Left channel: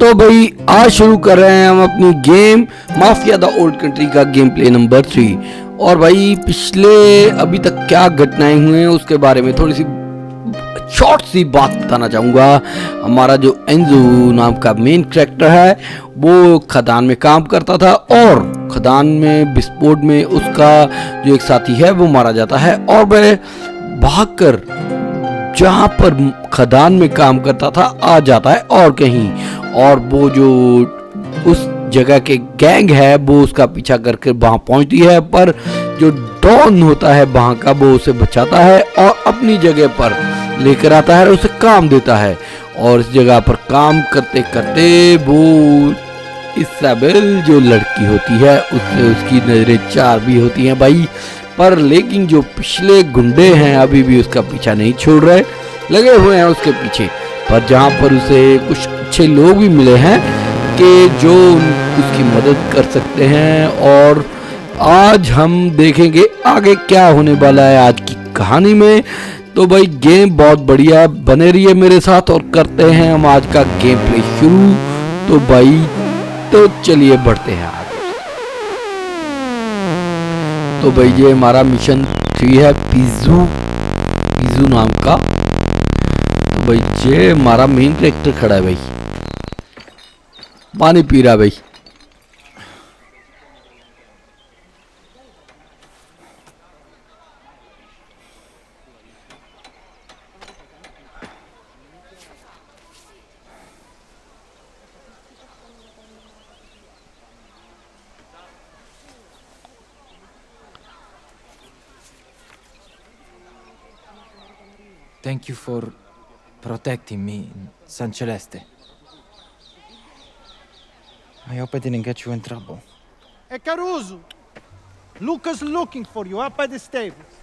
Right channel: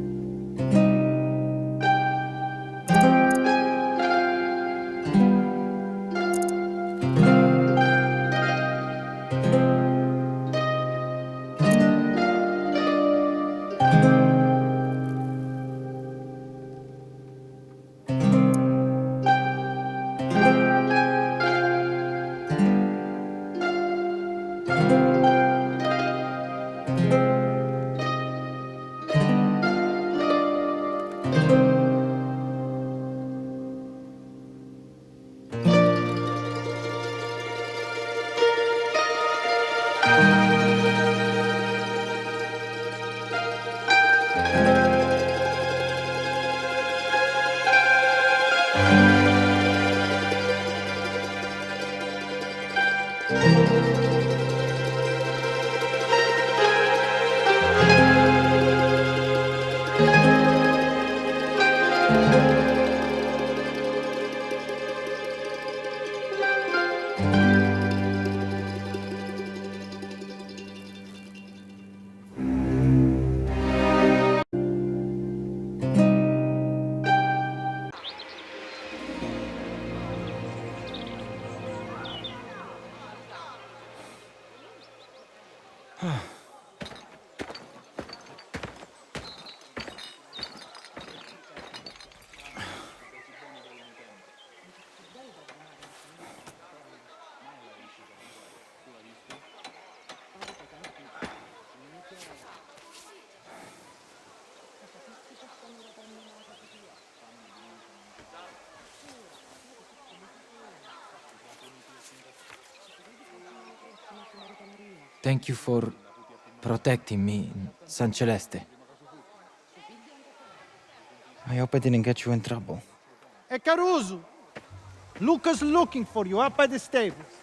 तो भाई आज शुरू कर रहे हैं हम अपनी game mafia the old country का गेम प्ले नंबर 3। और भाई पिछले अभी तक क्या घटनाएं हुई हैं उसके बारे में थोड़ी सी शॉर्ट सी बात बताना चाहूँगा। हमारा जो एंजो नाम का मेन कैरेक्टर है वो खदान में काम करता था और खदान में विस्फोट में उसका जो एक साथी है वो मारा जाता है और वह भागकर जहाँ पर खदान में काम करता था आ जाता है और कहीं, और वो जो उस जगह के गैंग है वो उसका पीछा करके वहां पहुंचती है, पर जो डॉन होता है वहां का वो उसे बचाता है और अपनी जगह पर लेकर आता है और उसे काम देता है। और इस जगह पर काम करते करते वो इसाबेल जो लड़की होती है उससे उसकी नजरें चार भी होती हैं भाई, पर लेकिन जो पिछले गुंडे हैं अभी भी उसका पीछा नहीं छोड़ रहे, लगे हुए हैं उसके पीछे। पर जहाँ पर उसे कुछ अच्छे लोग भी मिले हैं कि जो उसकी मदद कर सकते हैं। और आज हम देखेंगे आगे क्या होने वाला है आज की कहानी में। तो भाई गेम बहुत बढ़िया, बने रहिए मेरे साथ और करते हैं हम आज का गेम प्ले शुरू। तो भाई तो चलिए बढ़ते हैं आगे। तो भाई ये हमारा मिशन 3 है पीजू नाम का। तो भाई ये हमारा मेन कैरेक्टर खड़ा है भाई, पानी पी रहा है भाई। Thank you for protecting me in San Celeste. I hope I didn't get you in trouble. Hey, Caruso! Luca's looking for you up by the stables.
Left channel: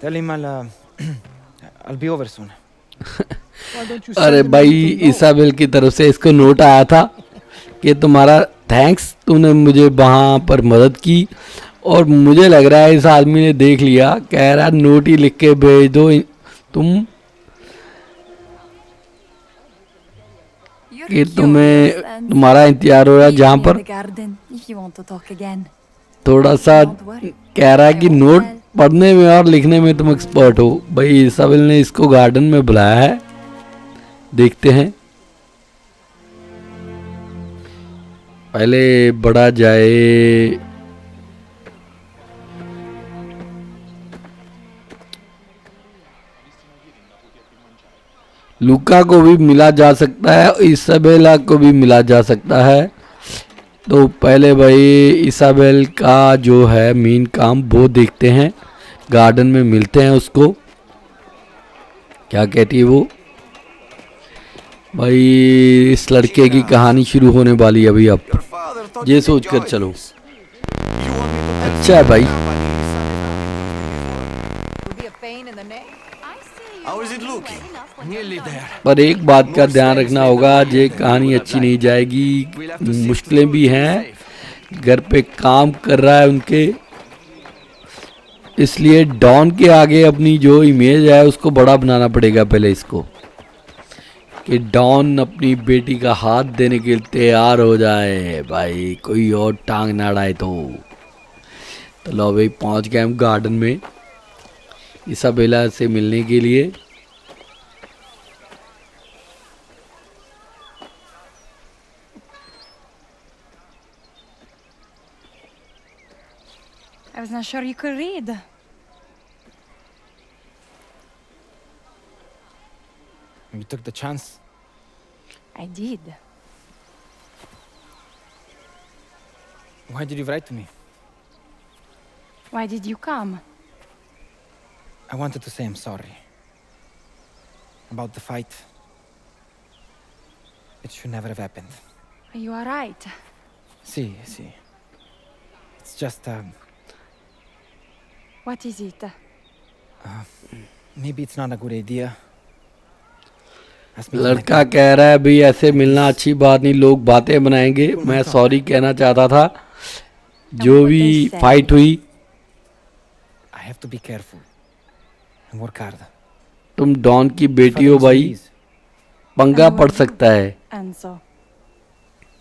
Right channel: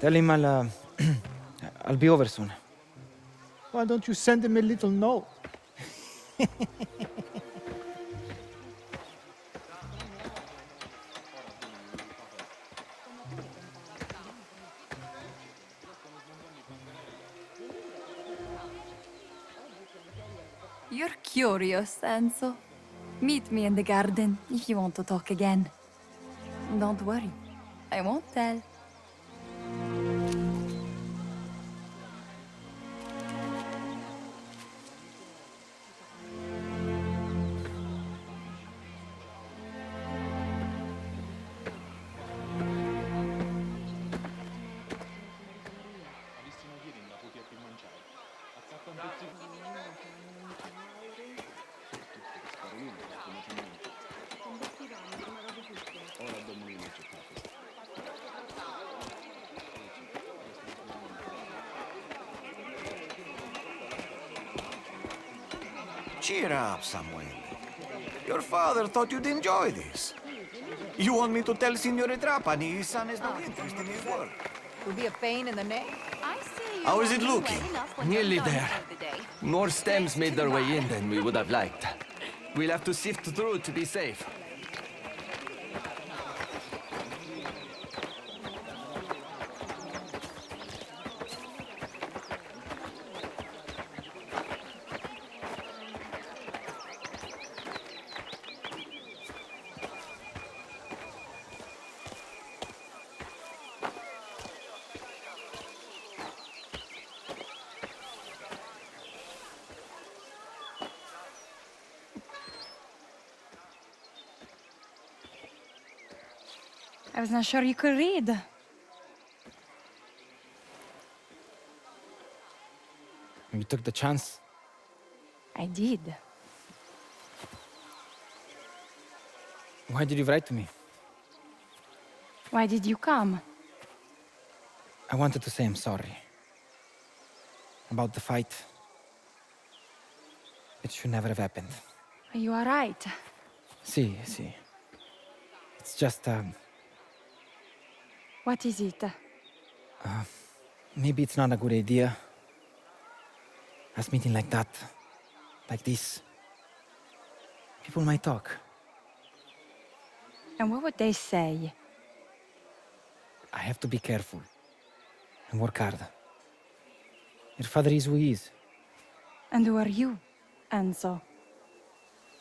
Tell him I'll be over soon. Why don't you अरे send him a भाई little note? Isabelle की तरफ से इसको note आया था कि तुम्हारा थैंक्स, तूने मुझे वहाँ पर मदद की। और मुझे लग रहा है इस आदमी ने देख लिया, कह रहा नोट ही लिख के भेज दो तुम कि तुम्हारा इंतजार हो रहा है। जहाँ पर थोड़ा सा कह रहा है कि नोट पढ़ने में और लिखने में तुम एक्सपर्ट हो। भाई इसाबेल ने इसको गार्डन में बुलाया है, देखते हैं पहले बढ़ा जाए। लूका को भी मिला जा सकता है, इसाबेला को भी मिला जा सकता है। तो पहले भाई इसाबेल का जो है मेन काम वो देखते हैं, गार्डन में मिलते हैं उसको, क्या कहती है वो। भाई इस लड़के की कहानी शुरू होने वाली है भाई अब, ये सोच कर चलो। अच्छा है भाई। How is it looking? Nearly there. पर एक बात का ध्यान रखना होगा, ये कहानी अच्छी नहीं जाएगी, मुश्किलें भी हैं। घर पे काम कर रहा है उनके, इसलिए डॉन के आगे अपनी जो इमेज है उसको बड़ा बनाना पड़ेगा पहले इसको, कि डॉन अपनी बेटी का हाथ देने के लिए तैयार हो जाए भाई, कोई और टांग ना अड़ाए। तो लो भाई पहुंच गए हम गार्डन में इसाबेला से मिलने के लिए। I was not sure you could read. You took the chance. I did. Why did you write to me? Why did you come? I wanted to say I'm sorry. About the fight. It should never have happened. You are right. See. It's just, What is it? maybe it's not a good idea. Us meeting like लड़का that. कह रहा है भाई ऐसे मिलना अच्छी बात नहीं, लोग बातें बनाएंगे। मैं सॉरी कहना चाहता था जो भी फाइट हुई। I have to be careful and work hard. तुम डॉन की बेटी हो भाई, पंगा पड़ सकता है। Enzo,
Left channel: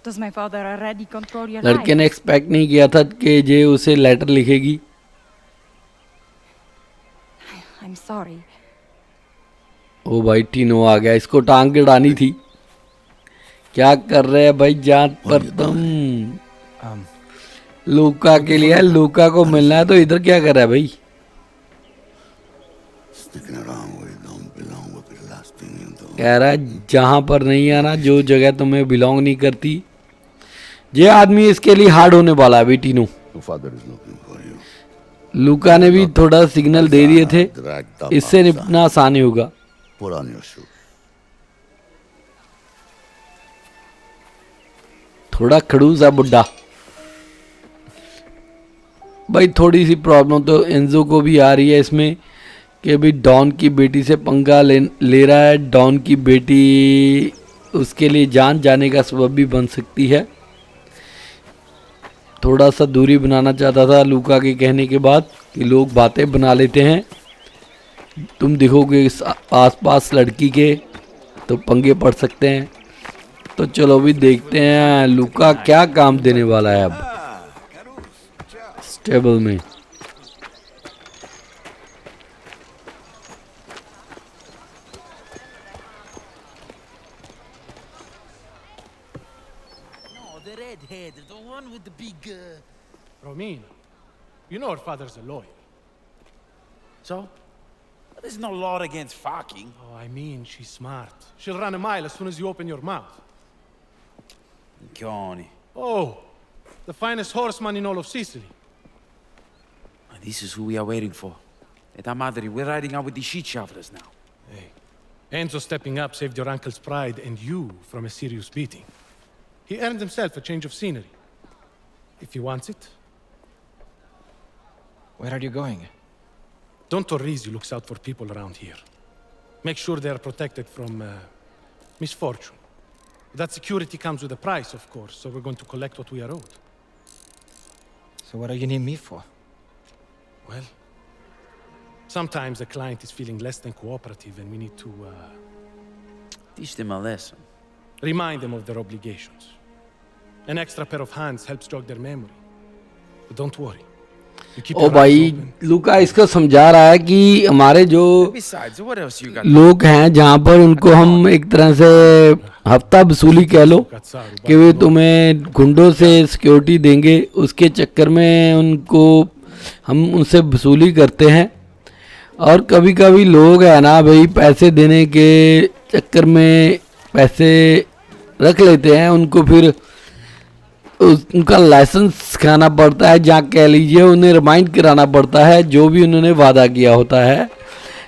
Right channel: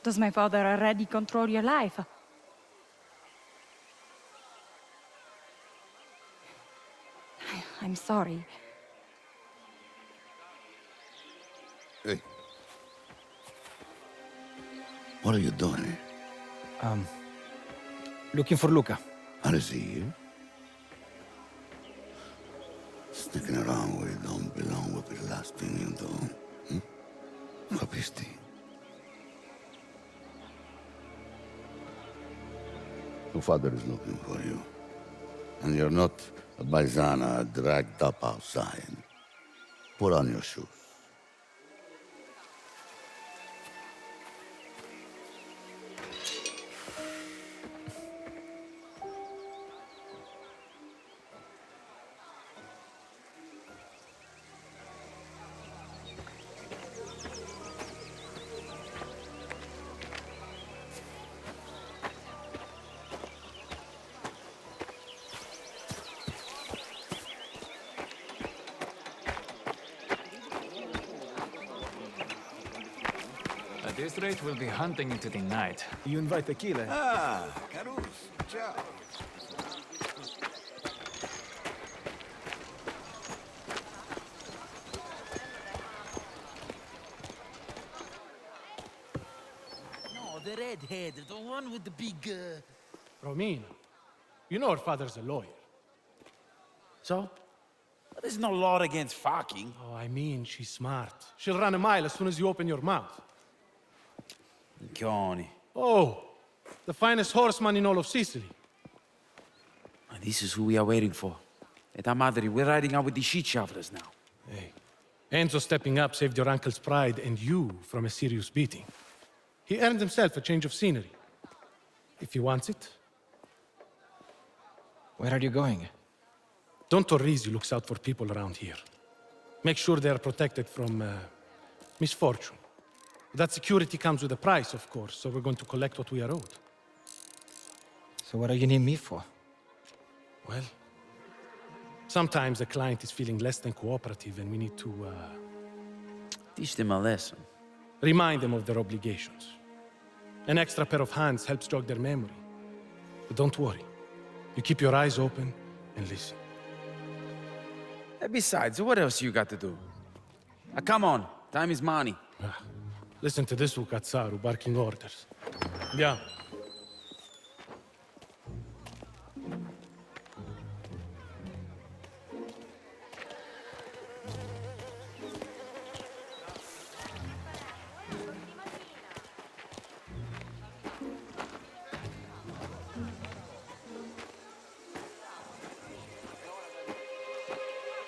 Does my father already control your लड़के ने life? एक्सपेक्ट नहीं किया था कि ये उसे लेटर लिखेगी। I'm sorry. ओ भाई टीनो आ गया, इसको टांग के उड़ानी थी। क्या कर रहे हैं भाई जान पर तुम? Um, लूका के लिए, लूका को मिलना है तो इधर क्या कर रहा है भाई? Sticking around where you don't belong will be the last thing you do. कह रहा है जहां पर नहीं आना, जो जगह तुम्हें बिलोंग नहीं करती। ये आदमी इसके लिए हार्ड होने वाला है भाई टीनो। Your father is looking for you. लूका ने भी थोड़ा सिग्नल दे दिए थे, Dragged up इससे outside. निपटना आसान ही होगा। Put on your shoes. थोड़ा खड़ूस है बुड्ढा भाई। थोड़ी सी प्रॉब्लम तो एंजो को भी आ रही है इसमें कि भाई डॉन की बेटी से पंगा ले रहा है। डॉन की बेटी उसके लिए जान जाने का सबब भी बन सकती है। थोड़ा सा दूरी बनाना चाहता था लूका के कहने के बाद कि लोग बातें बना लेते हैं, तुम दिखोगे आसपास लड़की के तो पंगे पड़ सकते हैं। तो चलो भी देखते हैं लूका क्या काम देने वाला है अब स्टेबल में। No, the redhead, the one with the big. Romina, you know her father's a lawyer. So? There's no law against fucking. Oh, I mean, she's smart. She'll run a mile as soon as you open your mouth. Johnny. Oh, the finest horseman in all of Sicily. This is who we are waiting for. Eta madre, we're riding out with the shit shovelers now. Hey, Enzo stepping up saved your uncle's pride and you from a serious beating. He earned himself a change of scenery. If he wants it. where are you going? Don Torrisi looks out for people around here. Make sure they are protected from misfortune. That security comes with a price, of course, so we're going to collect what we are owed. So what do you need me for? Well, sometimes a client is feeling less than cooperative and we need to Teach them a lesson. remind them of their obligations. An extra pair of hands helps jog their memory. But don't worry. You keep O your eyes भाई open. लूका इसको समझा रहा है कि हमारे जो Besides, what else you got? लोग हैं जहाँ पर उनको हम एक तरह से हफ्ता वसूली कह लो कि वे तुम्हें गुंडों से सिक्योरिटी देंगे, उसके चक्कर में उनको हम उनसे वसूली करते हैं। और कभी कभी लोग है ना भाई पैसे देने के चक्कर में पैसे रख लेते हैं, उनको फिर उनका लाइसेंस सिखाना पड़ता है, जहाँ कह लीजिए उन्हें रिमाइंड कराना पड़ता है जो भी उन्होंने वादा किया होता है।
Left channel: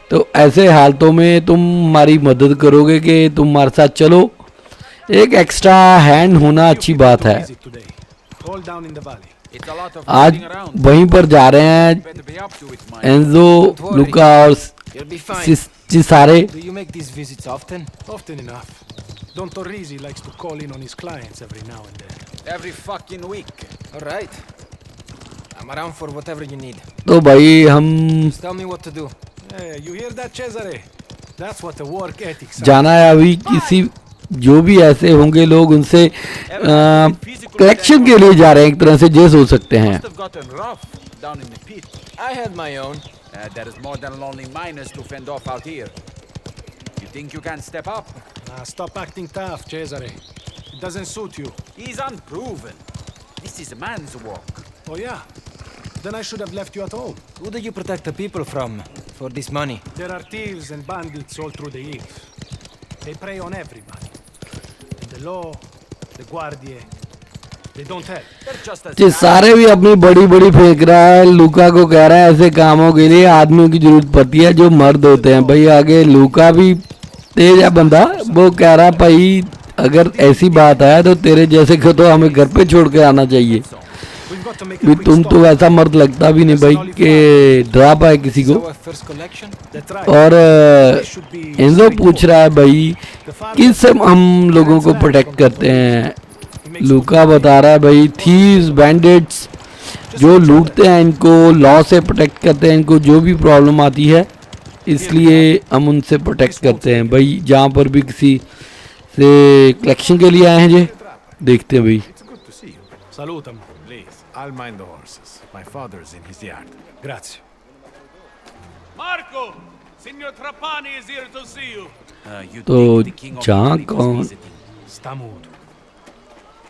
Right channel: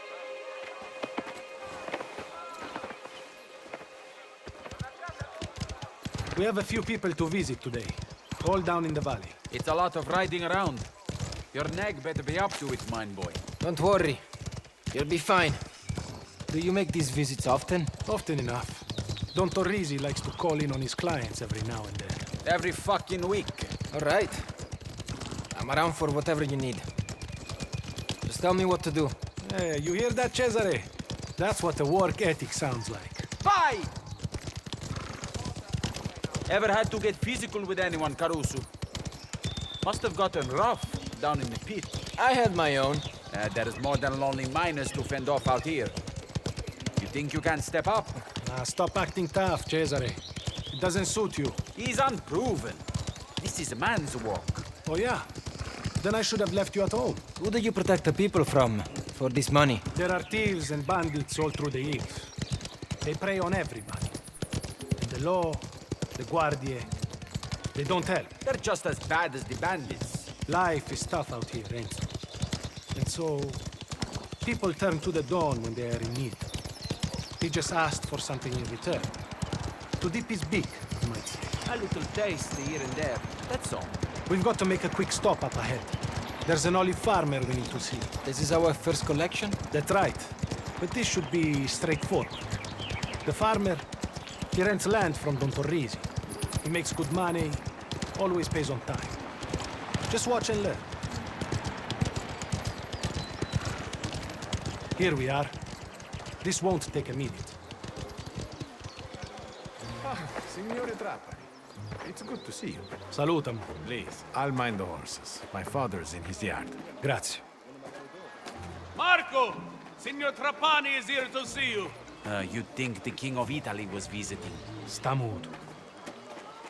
तो ऐसे हालतों में तुम हमारी मदद करोगे कि तुम हमारे साथ चलो। एक एक्स्ट्रा हैंड होना अच्छी बात है। All down in the valley. It's a lot of आज riding around. वहीं पर जा रहे हैं Better be up to it, man. Enzo, लूका और You'll be fine. सारे। Do you make these visits often? Often enough. Don Torrisi likes to call in on his clients every now and then. Every fucking week. All right. I'm around for whatever you need. तो भाई हम Just tell me what to do. Hey, you hear that, Cesare? That's what the work ethic sounds. जाना है अभी किसी जो भी ऐसे होंगे लोग उनसे कलेक्शन के लिए जा रहे हैं, एक तरह से ये सोच सकते हैं। Must have gotten rough down in the pit. I had my own. There is more than lonely miners to fend off out here. You think you can step up? Stop acting tough, Cesare. It doesn't suit you. He's unproven. This is a man's work. Oh, yeah? Then I should have left you at home. Who do you protect the people from for this money? There are thieves and bandits all through the hills. They prey on everybody. And the law, the guardie, they don't help. They're just as ये bad. सारे भी अपनी बड़ी बड़ी फेंक रहा है। लूका को कह रहा है ऐसे कामों के लिए आदमियों की जरूरत पड़ती है जो मर्द होते हैं। भाई आगे लूका भी तेज है बंदा, वो कह रहा है भाई अगर ऐसी बात है तो तेरे जैसे को तो हमें घर पे छोड़ के आना चाहिए। We've got to make a भी quick तुम stop. तो ऐसा मर्द लगता भी नहीं भाई कि डरा पाए किसी This is को। our first collection. That's right. और This should be एंजो पूछ रहा है भाई The farmer किससे हम लोगों को प्रोटेक्ट करते हैं। लूका बता रहा है भाई थीव्स, बैंडिट्स जो लूटते हैं इनको लॉ से प्रोटेक्ट करते हैं, इनको जो भी प्रॉब्लम आती है इसलिए हम उनसे प्रोटेक्ट करते हैं। भाई जहाँ पर भी किसी से कलेक्शन के लिए आए हैं जी। देखते हैं भाई। It's good to see you. Salutam. Please, I'll mind the horses. My father's in his yard. Grazie. Marco! Signor Trapani is here to see you. You तो think the king of जहाँ Italy was कौन visiting? Sta muto.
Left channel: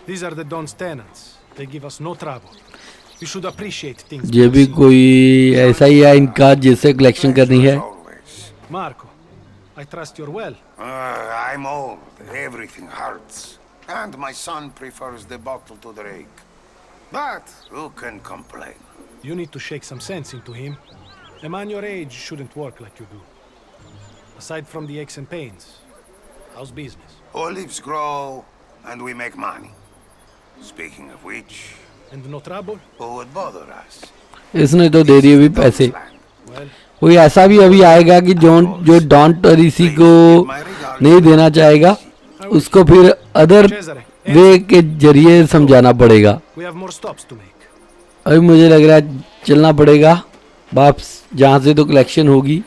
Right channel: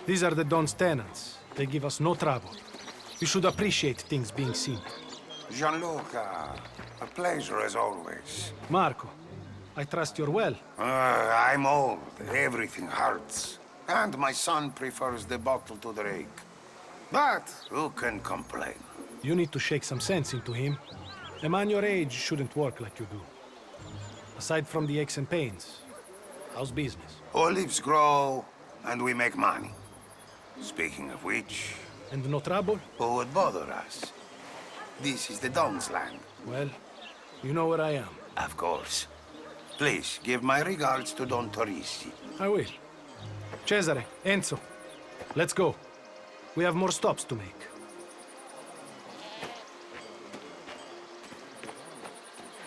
These are the Don's tenants. They give us no trouble. You should appreciate things. ये being भी seen. कोई ऐसा ही है इनका जिससे कलेक्शन करनी है। As always. Marco, I trust you're well. I'm old. Everything hurts. And my son prefers the bottle to the rake. But who can complain? You need to shake some sense into him. A man your age shouldn't work like you do. Aside from the aches and pains, how's business? Olives grow, and we make money. Speaking of which, And no trouble? who would bother us? इसने तो दे This दिए is भी the पैसे। Don's land. Well, कोई ऐसा भी अभी आएगा कि जो डॉन टरीसी को नहीं देना चाहेगा उसको फिर अदर वे के जरिए समझाना पड़ेगा। we have more stops to make. अभी मुझे लग रहा है चलना पड़ेगा वापस जहाँ से तो कलेक्शन होगी।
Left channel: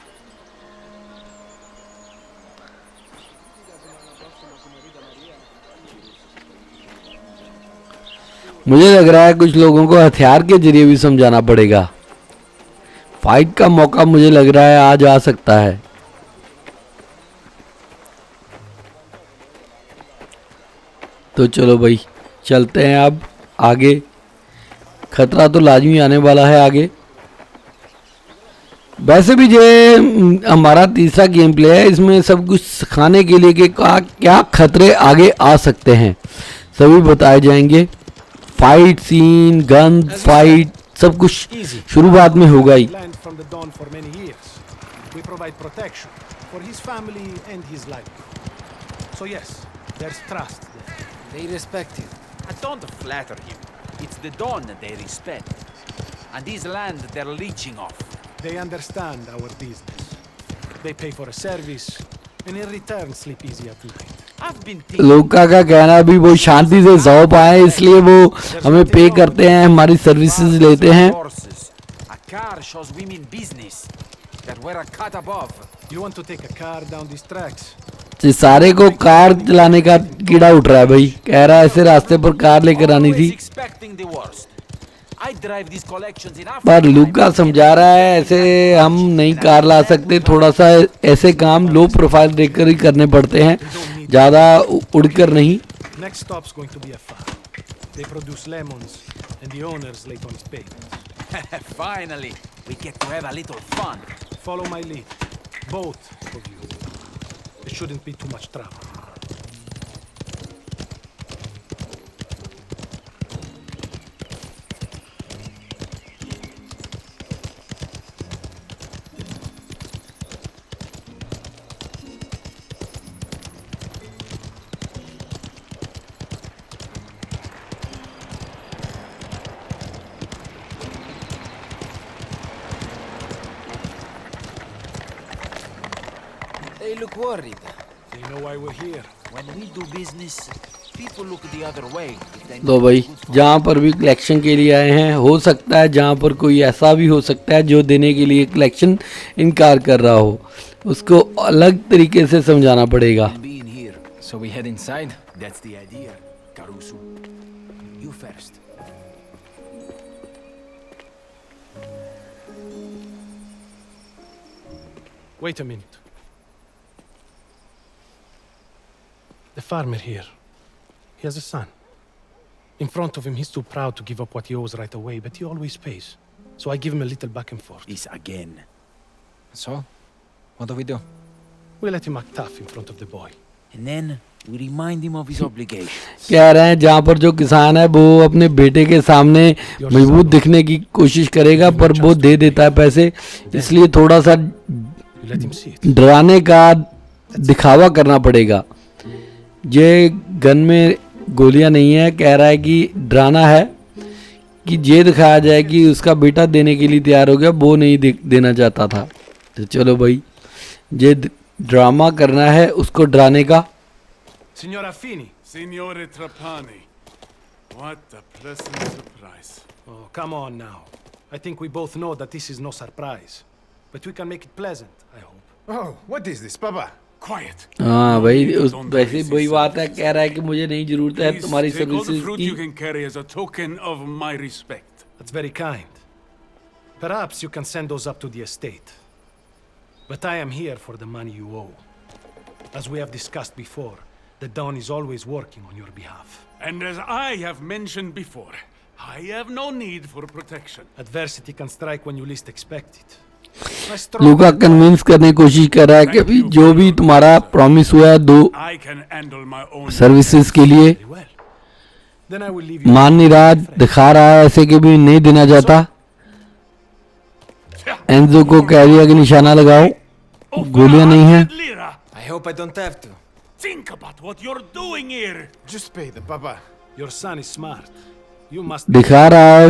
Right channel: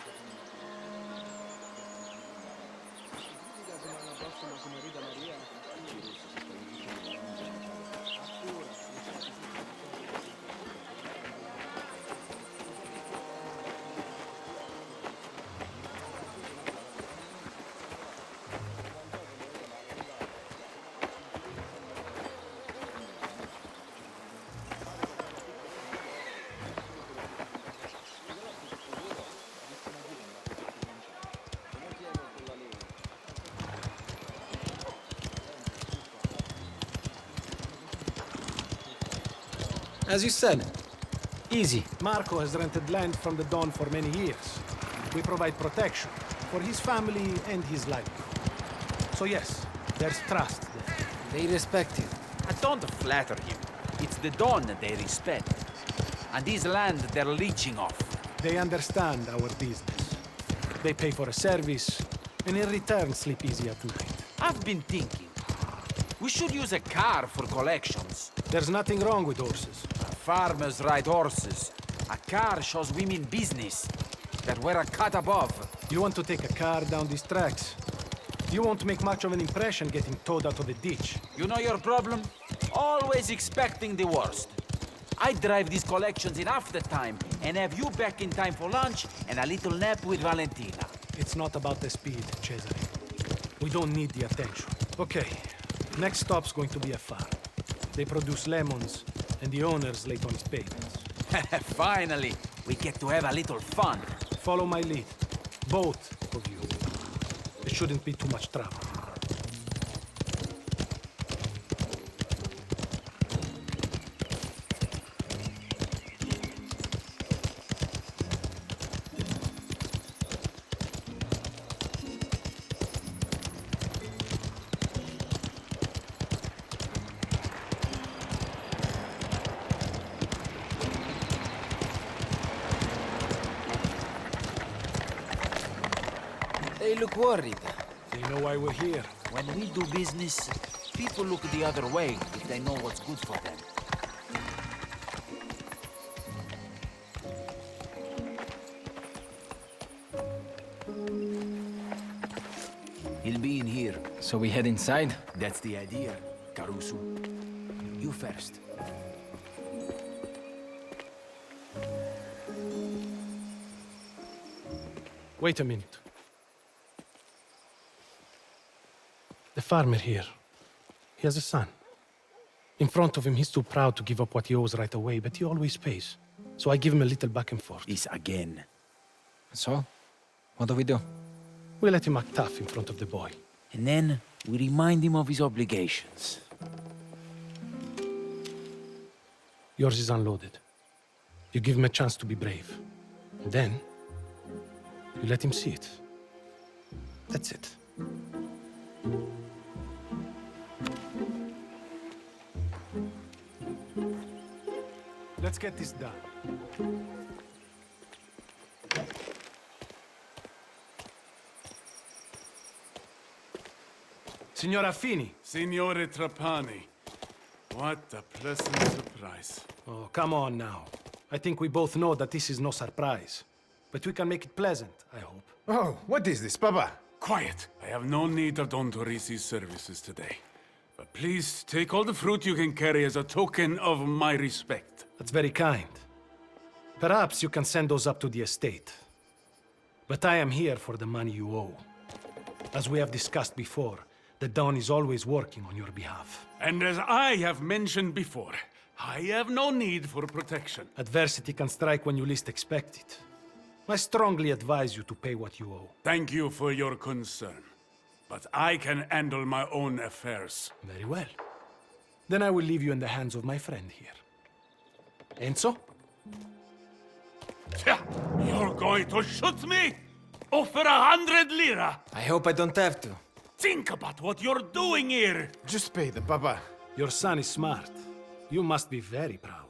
मुझे लग रहा है कुछ लोगों को हथियार के जरिए भी समझाना पड़ेगा। फाइट का मौका मुझे लग रहा है आज आ सकता है। तो चलो भाई चलते हैं अब आगे। खतरा तो लाजमी आने वाला है आगे। वैसे भी ये हमारा तीसरा गेम प्ले है, इसमें सब कुछ सिखाने के लिए कि क्या खतरे आगे आ सकते हैं सभी बताए जाएंगे। फाइट सीन, गन फाइट सब कुछ शुरुआत में होगा ही। Land from the Don for many years. We provide protection for his family and his life. So yes, there's trust there. They respect you. I don't flatter him. It's the Don that they respect. And this land they're leeching off. They understand our business. They pay for a service, and in return sleep easy at night. I've been thinking. लोका का कहना भी वो शांति से सो पाए इसलिए वो हमें पे करते हैं, हमारी सर्विसेज लेते हैं। A car shows women business that we're a cut above. You want to take a car down these tracks? इस सारे को कार चलाने का कीड़ा उठ रहा है भाई। कह रहा है ऐसे रास्ते पर कार लेकर आनी थी, Always expecting the worst. I drive these collections in Africa. पर लुका समझा रहा है ऐसे हम नहीं कार ला सकते। थोड़ा सा ऐसे काम लो प्रोफाइल देखकर ही करने पड़ते हैं, ज़्यादा उड़कर नहीं। Next stop's going to be a farm. They produce lemons, and the owners late on payments. Finally, we get to have a little fun. Follow my lead, both of you. It shouldn't be too much trouble. They look worried. They know why we're here. When we do business, people look the other way. If they तो know भाई it's good for जहाँ पर भी collection के लिए आए हैं, हो सकता है जहाँ पर कोई ऐसा भी हो सकता है जो देने के लिए कलेक्शन इनकार कर रहा हो, उसको अलग तरीके से समझाना पड़ेगा। We'll be in here. So we head inside? That's the idea, Caruso. You first. Wait a minute. The farmer here. He has a son. In front of him, he's too proud to give up what he owes right away, but he always pays. So I give him a little back and forth. This again. So? What do we do? We let him act tough in front of the boy. And then we remind him of his obligations. कह रहे हैं जहाँ पर जो किसान है वो अपने बेटे के सामने मजबूत दिखने की कोशिश करेगा, पर वो दे देता है पैसे, इसलिए थोड़ा सा You let him see it. डराने का दिखावा करना पड़ेगा। ये गन में गोलियां नहीं है, कह रहा है कि डराना है कि ये दिखाया जाए कि उसका बेटा देने के लिए तैयार हो गया, वो नहीं देना चाहता था। तो चलो भाई ये ड्रामा करना है उसको डराने का। Signora Fini. Signore Trapani. What a pleasant surprise. Oh, come on now. I think we both know that this is no surprise. But we can make it pleasant, I hope. Oh, what is this, Papa? quiet. हाँ No भाई need to उस don the वैसे Reese's वही बात है, services. कह रहा है कि मुझे नहीं जरूरत है Please तुम्हारी take all the fruit you services can carry as a token of my respect. That's very kind. Perhaps you can send those up to the estate. But I am here for the money you owe. As we have discussed before, the Dawn is always working on your behalf. And as I have mentioned before, I have no need for protection. Adversity can strike when you least expect it. I strongly Luka advise convince करने की कोशिश कर रहा है कि अभी जो भी तुम्हारा प्रॉमिस हुआ है 2 I can handle my own services के लिए very well. Then I will leave you. मान नहीं रहा, दिखा रहा है ऐसे कि भी नहीं देना चाहता। एंजो को कह दिया कि निशाना लगाओ, गोलियां नहीं हैं। 100 lira. I hope I don't have to. Think about what you're doing here. Just pay the Papa. Your son is smart. You must be. दिखा रहा है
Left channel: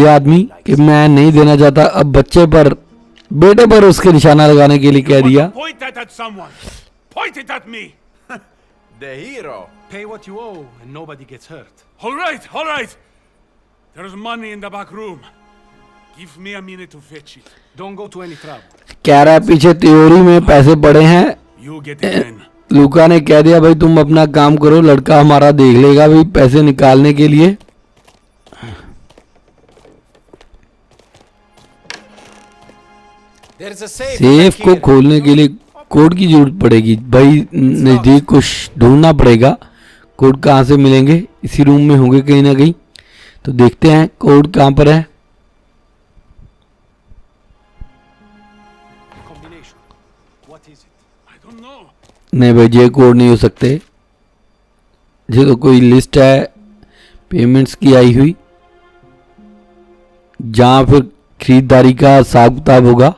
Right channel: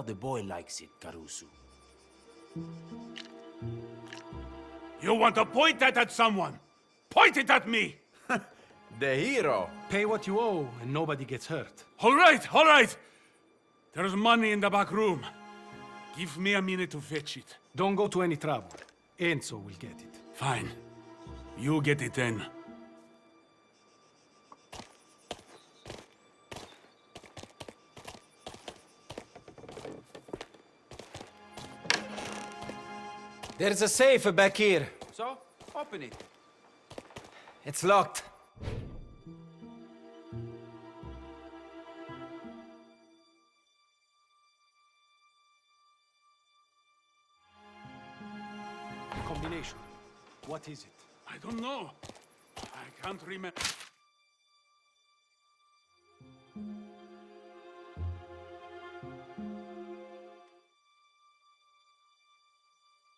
ये आदमी कि मैं नहीं देना चाहता। अब बच्चे पर, बेटे पर उसके निशाना लगाने के लिए You कह want दिया। to point that at someone? Point it at me. The hero. Pay what you owe and nobody gets hurt. All right, all right. There's money in the back room. Give me a minute to fetch it. Don't go to any trouble. कह रहा है पीछे त्योरी में पैसे पड़े हैं। You get it then. लूका ने कह दिया भाई तुम अपना काम करो, लड़का हमारा देख लेगा भाई पैसे निकालने के लिए। There's a safe safe back को here. खोलने के लिए कोड की जरूरत पड़ेगी भाई, नजदीक कुछ ढूंढना पड़ेगा। कोड कहाँ से मिलेंगे? इसी रूम में होंगे कहीं ना कहीं। तो देखते हैं कोड कहाँ पर है। Combination. What is it? I don't know. नहीं भाई ये कोड नहीं हो सकते। ये तो कोई लिस्ट है पेमेंट्स की आई हुई, जहाँ फिर खरीदारी का हिसाब किताब होगा,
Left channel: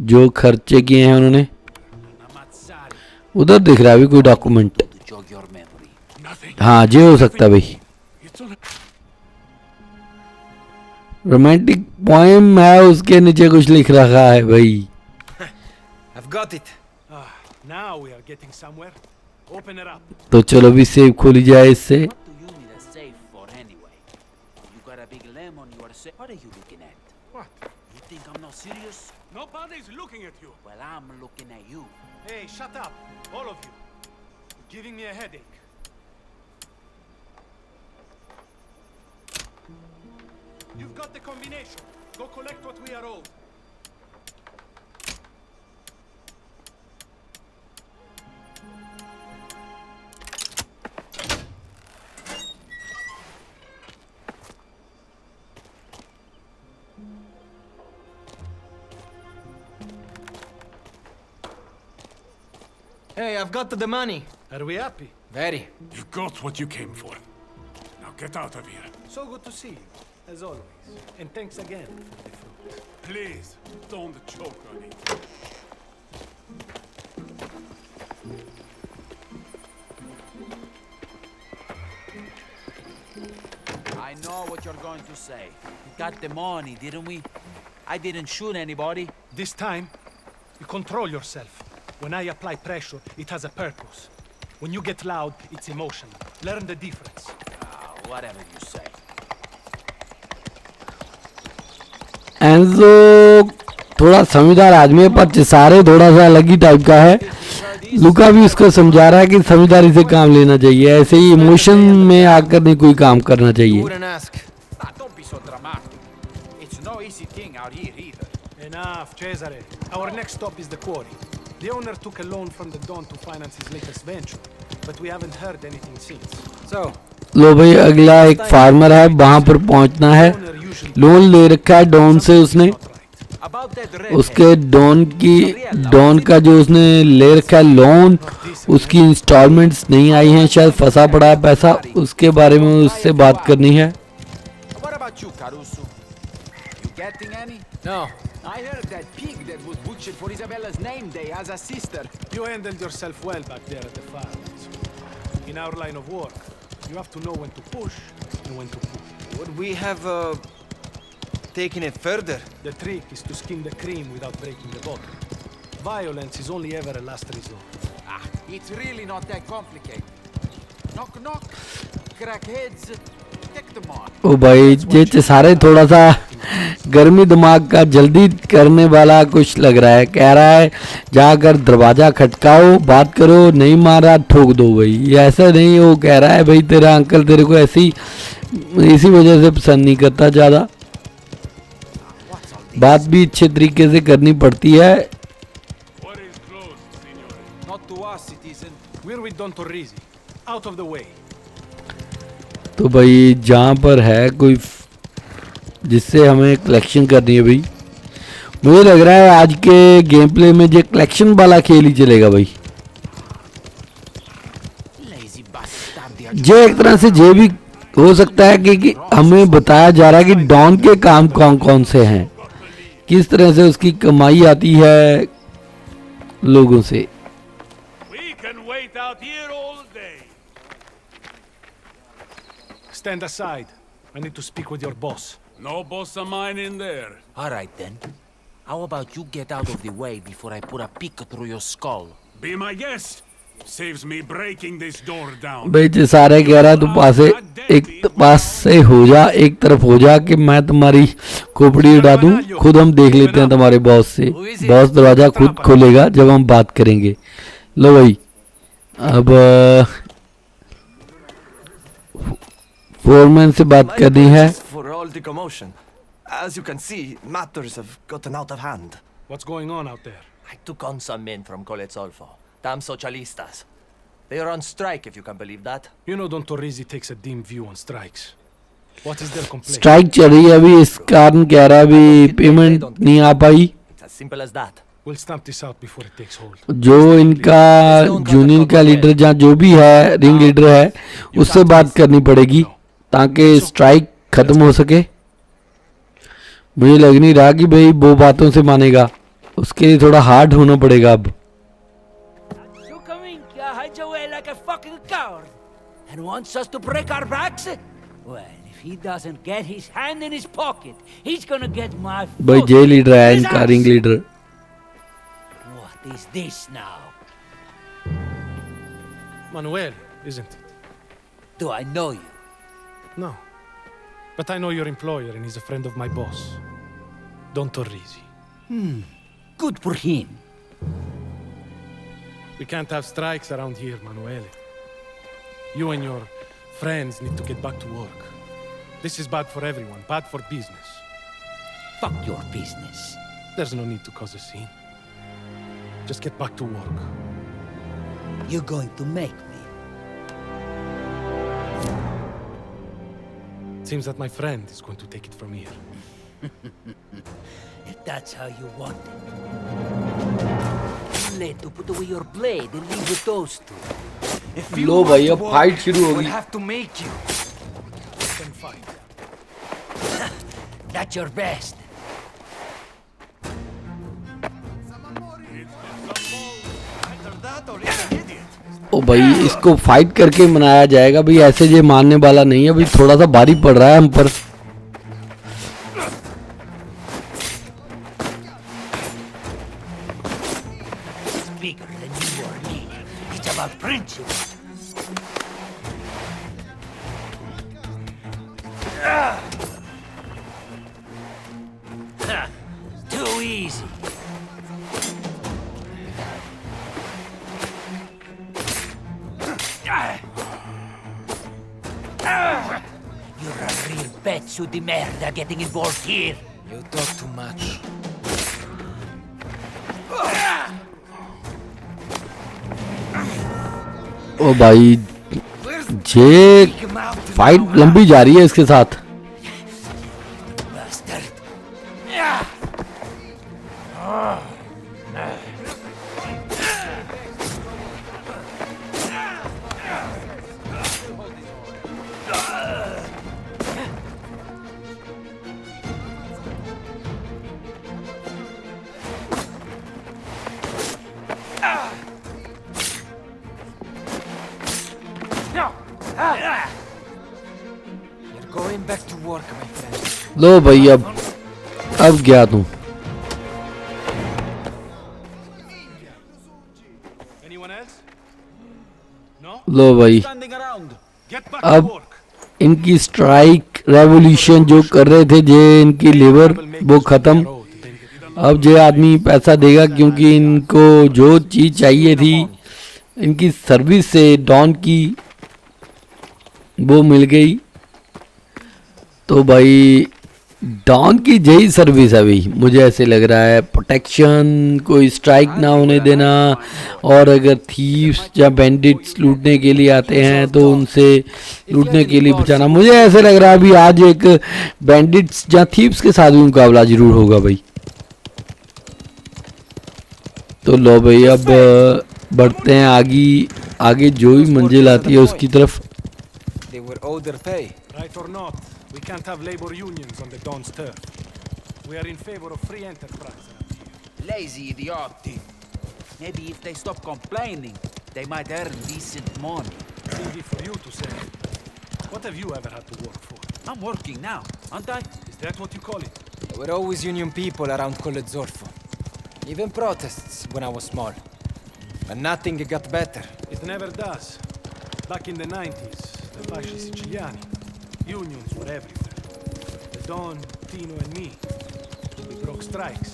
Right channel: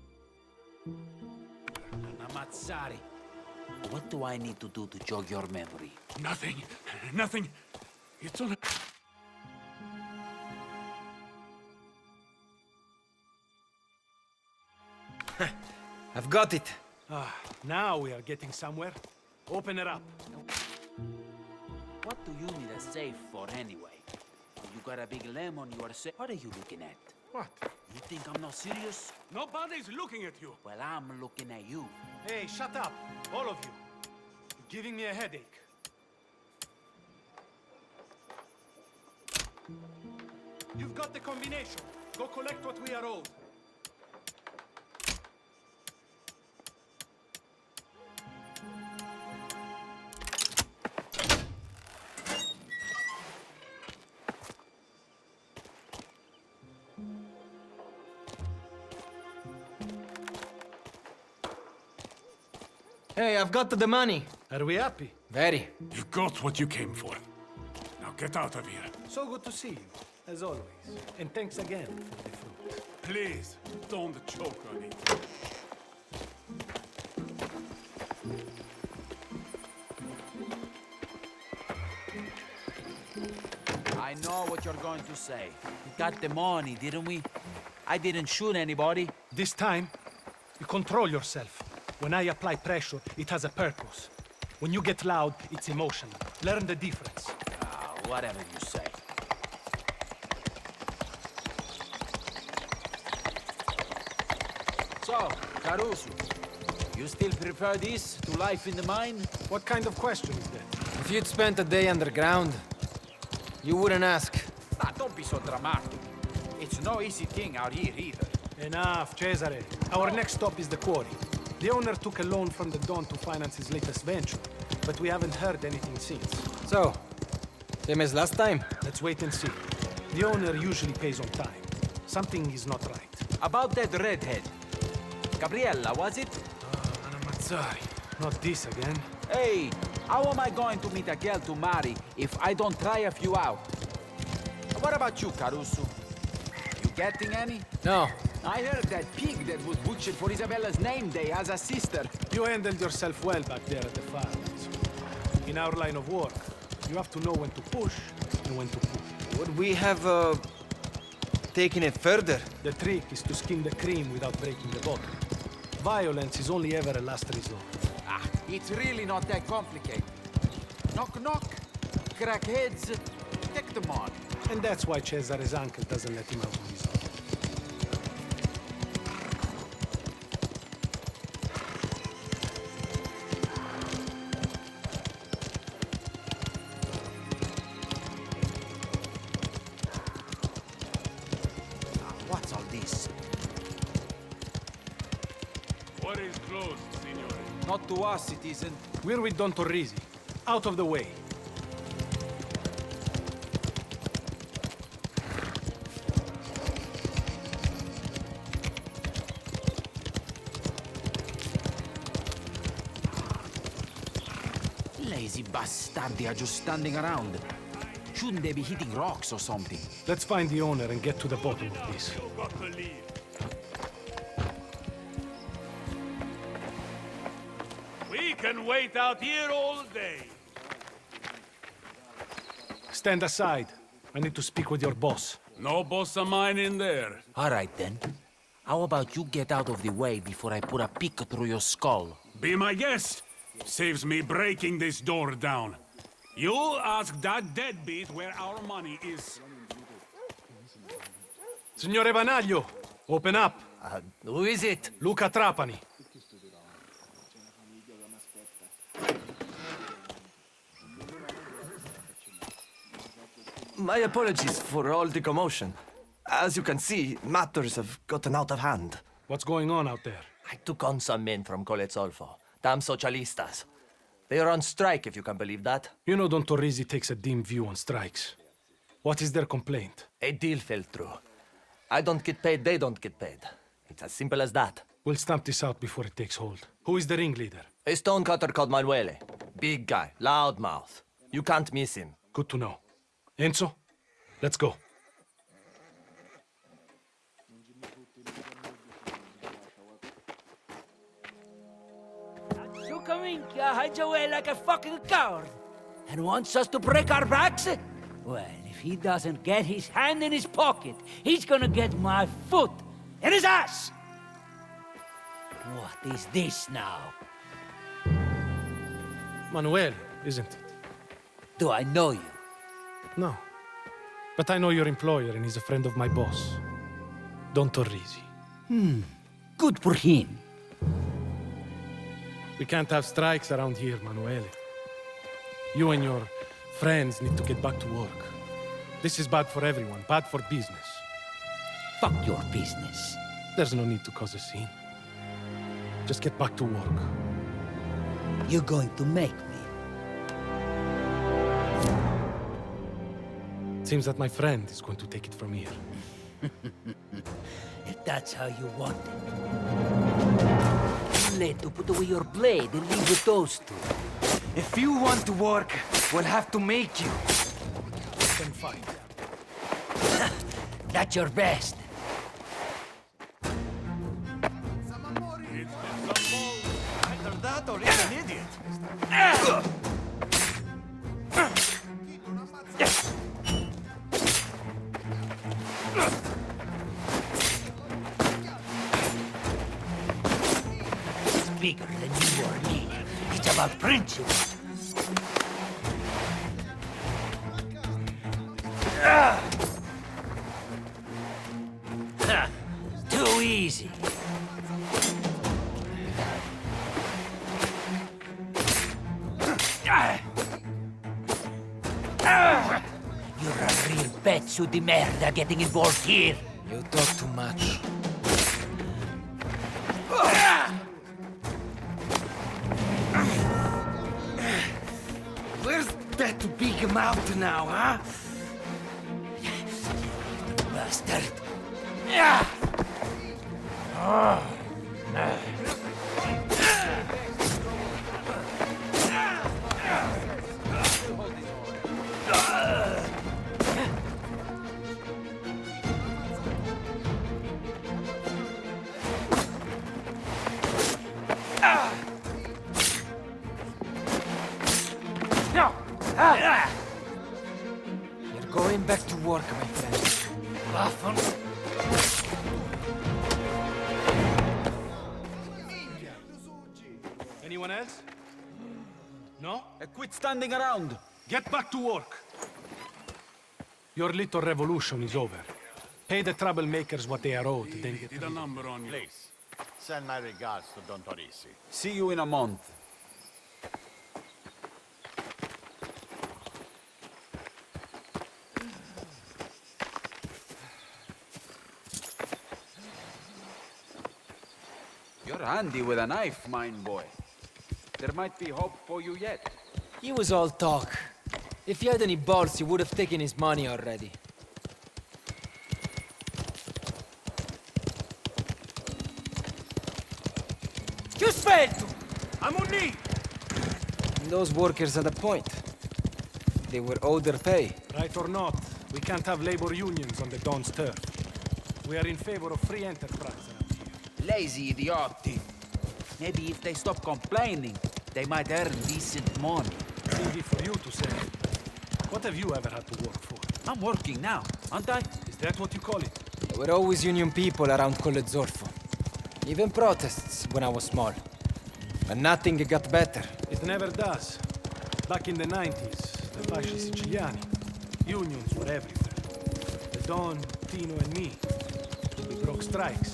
जो खर्चे किए हैं उन्होंने। उधर दिख रहा है भी कोई document. To jog your memory. Nothing. हाँ ये हो सकता है भाई। It's all... रोमांटिक पोएम है, उसके नीचे कुछ लिख रखा है भाई। I've got it. Now we are getting somewhere. Open it up. तो चलो भी सेव खोली जाए इससे। What do you need a safe for anyway? You got a big lemon, you are safe. What are you looking at? What? You think I'm not serious? Nobody's looking at you. Well, I'm looking at you. Hey, shut up, all of you. You're giving me a headache. You've got the combination. Go collect what we are owed. Hey, I've got the money. Are we happy? Very. You got what you came for. Now get out of here. So good to see you, as always. And thanks again for the fruit. Please, don't choke on it. I know what you're going to say. We got the money, didn't we? I didn't shoot anybody. This time, you control yourself. When I apply pressure, it has a purpose. When you get loud, it's emotional. Learn the difference. Whatever you say. Enzo थोड़ा समझदार आदमी है, पर चिसारे थोड़ा सा अलग ही type का है। लुका भी उसको समझा रहा है कि समझदारी से काम लेना चाहिए, ऐसे ही इमोशन में आकर नहीं कोई काम करना You चाहिए। wouldn't ask. Don't be so dramatic. It's no easy thing out here either. Enough, Cesare. Our next stop is the quarry. The owner took a loan from the Don to finance his latest venture, but we haven't heard anything since. So, लो भाई अगला एक farmer है, वहां पर पहुंचना है। The owner usually loan ले रखा है डॉन से उसने, not right. About that red उसके डॉन का जो उसने ले रखा है लोन, उसकी इंस्टॉलमेंट्स नहीं आई हैं, शायद फंसा पड़ा है पैसा, उसके बारे में उससे बात करनी है। What about you, Caruso? You getting any? no. I heard that pig that was butchered for Isabella's name day has a sister. You handled yourself well back there at the farms. In our line of work, you have to know when to push and when to pull. Would we have taken it further? The trick is to skim the cream without breaking the bottle. Violence is only ever a last resort. It's really not that complicated. Knock knock, crack heads, take them on. ओ भाई ये चिसारे थोड़ा सा गर्मी दिमाग का जल्दी करने वाला कुछ लग रहा है। कह रहा है जाकर दरवाजा खटकाओ, बात करो, नहीं मारा ठोक दो भाई। ये ऐसा नहीं वो कह रहा है भाई तेरा अंकल तेरे को ऐसी इसी वजह से पसंद नहीं करता ज़्यादा। बात भी अच्छे तरीके से करनी पड़ती है। What is closed, signore? Not to us, citizen. We're with Don Torrisi. Out of the way. तो भाई जहाँ पर है कोई जिससे हमें कलेक्शन करनी है भाई, मुझे लग रहा है आज के गेम प्ले में जो कलेक्शन वाला खेल ही चलेगा भाई। Lazy bastard. जो एक तरह से ये भी हो सकता है कि हमें बताया जा रहा है कि डॉन के काम कौन कौन से हैं, किस तरह से उसकी कमाई आती है लोगों से। We can wait out here all day. Stand aside. I need to speak with your boss. No boss of mine in there. All right then. How about you get out of the way before I put a pick through your skull? Be my guest. Saves me breaking this door down. भाई जो सारे कह रहा है तू पास से हो जा, एक तरफ हो जा कि मैं तुम्हारी खोपड़ी उड़ा दूं। खुद हम देख लेते हैं तुम्हारे बॉस से। बॉस दरवाजा खुद खोलेगा जब हम बात करेंगे। लो भाई अब फोरमैन से बात करनी है। For all the commotion. As you can see, matters have gotten out of hand. What's going on out there? I took on some men from Coletzolfo. Damn socialistas. They are on strike, if you can believe that. You know Don Torrisi takes a dim view on strikes. What is their complaint? Strike चल रही है अभी, इस कारण कह रहा है अभी पेमेंट नहीं आ पाई। It's as simple as that. We'll stamp this out before it takes hold. जो इनका यूनियन का लीडर जहाँ जो भी है रिंग लीडर है उससे बात करनी पड़ेगी ताकि स्ट्राइक खत्म हो सके। मुझे लग नहीं रहा कि भाई वो बातों से मानेगा, उसके लिए थोड़ा हार्ड होना पड़ेगा अब। hides away like a fucking coward and wants us to break our backs? Well, if he doesn't get his hand in his pocket, he's gonna get my भाई foot जे लीडर है in his इनका ass. Ring leader. What is this now? Manuel, isn't it? Do I know you? No. But I know your employer and he's a friend of my boss. Don Torrisi. Good for him. We can't have strikes around here, Manuel. You and your friends need to get back to work. This is bad for everyone, bad for business. Fuck your business. There's no need to cause a scene. Just get back to work. You're going to make me. Seems that my friend is going to take it from here. If that's how you want it. Late to put away your blade and leave with those two. If you low want भाई to अब work, fight शुरू we'll होगी। have to make you. Then fight. That's your best. Either that or you're an idiot. ओ भाई इसको fight करके मनाया जाएगा भाई, ऐसे ये मानने वाला नहीं है भाई। थोड़ा सा भारी पड़ रहा है हम पर। Bigger than you or me. It's about principle. Too easy. You're a real pezzo di merda getting involved here. You talk too much. ओ भाई ये फाइट लंबी जा रही है इसके साथ। Bastard. You're going back to work, my friend. लो भाई अब गया तू। Anyone else? No? लो भाई Standing around. Get back अब to work. इनकी स्ट्राइक रेवोल्यूशन जो कर रहे थे जे इनकी लेबर वो खत्म। अब ये आदमी पैसा देगा क्योंकि इनको जो चीज चाहिए थी इनकी सर्विस से डॉन की वो मिल गई। तो भाई डॉन की यही सर्विस है भाई, मुझे ऐसे लग रहा है। प्रोटेक्शन, कोई स्ट्राइक ना होने देना, और अगर थीव्स या बैंडिट्स लूटने के लिए आते हैं तो उनसे लूटने के लिए बचाना। मुझे ऐसे लग रहा है अभी आज एक बैंडिट्स या थीव्स के साथ भी मुकाबला जरूर होगा भाई। तो लो भाई अब बढ़ते हैं आगे जो भी मंजिल आती है उसकी तरफ। They were owed their pay. Right or not, we can't have labor unions on the Don's turf. We are in favor of free enterprise around here. Lazy idioti. Maybe if they stop complaining, they might earn decent money. Easy for you to say. What have you ever had to work for? I'm working now, aren't I? Is that what you call it? There were always union people around Colle Zorfo. Even protests when I was small. But nothing got better. It never does. Back in the 90s, the Fasci Siciliani, unions were everywhere. The Don, Tino and me, we broke strikes.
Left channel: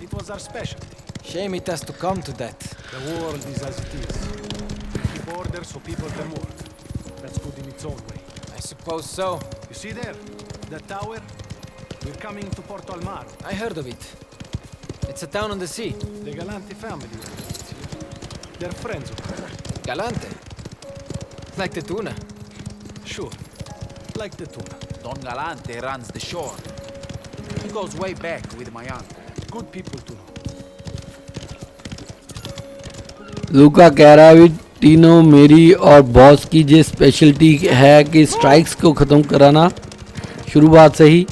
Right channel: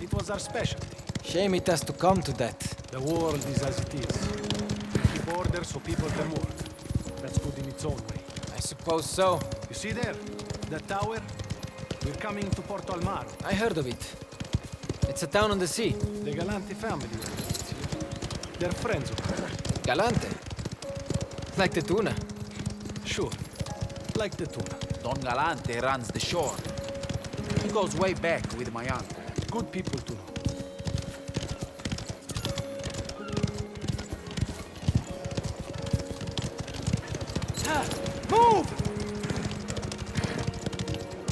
It was our specialty. Shame it has to come to that. The world is as it is. We keep order so people can work. That's good in its own way. I suppose so. You see there? That tower? We're coming to Porto Almaro. I heard of it. It's a town on the sea. The Galante family lives here. They're friends of ours. Galante. Like the tuna. Sure. Like the tuna. Don Galante runs the shore. He goes way back with my uncle. Good people to know. लूका कह रहा है तीनों मेरी और boss की ये speciality है कि स्ट्राइक्स को ख़त्म कराना शुरुआत से ही।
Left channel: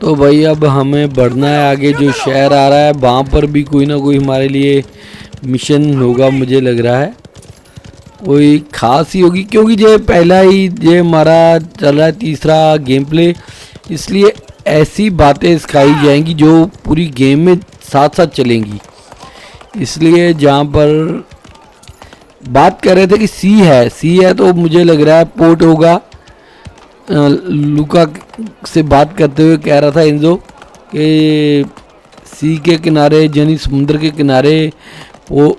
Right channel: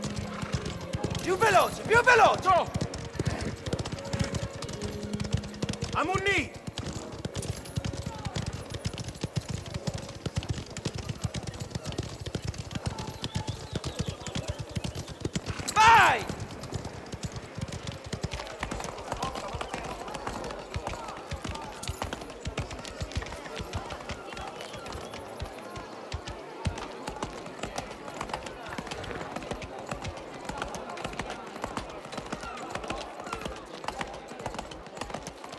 तो भाई अब हमें बढ़ना है आगे। जो शहर आ रहा है वहाँ पर भी कोई ना कोई हमारे लिए मिशन होगा, मुझे लग रहा है कोई खास ही होगी, क्योंकि ये पहला ही ये हमारा चल रहा है तीसरा गेम प्ले, इसलिए ऐसी बातें सिखाई जाएंगी जो पूरी गेम में साथ साथ चलेंगी। इसलिए जहाँ पर बात कर रहे थे कि सी है तो मुझे लग रहा है पोर्ट होगा। लूका से बात करते हुए कह रहा था एंजो कि सी के किनारे यानी समुद्र के किनारे वो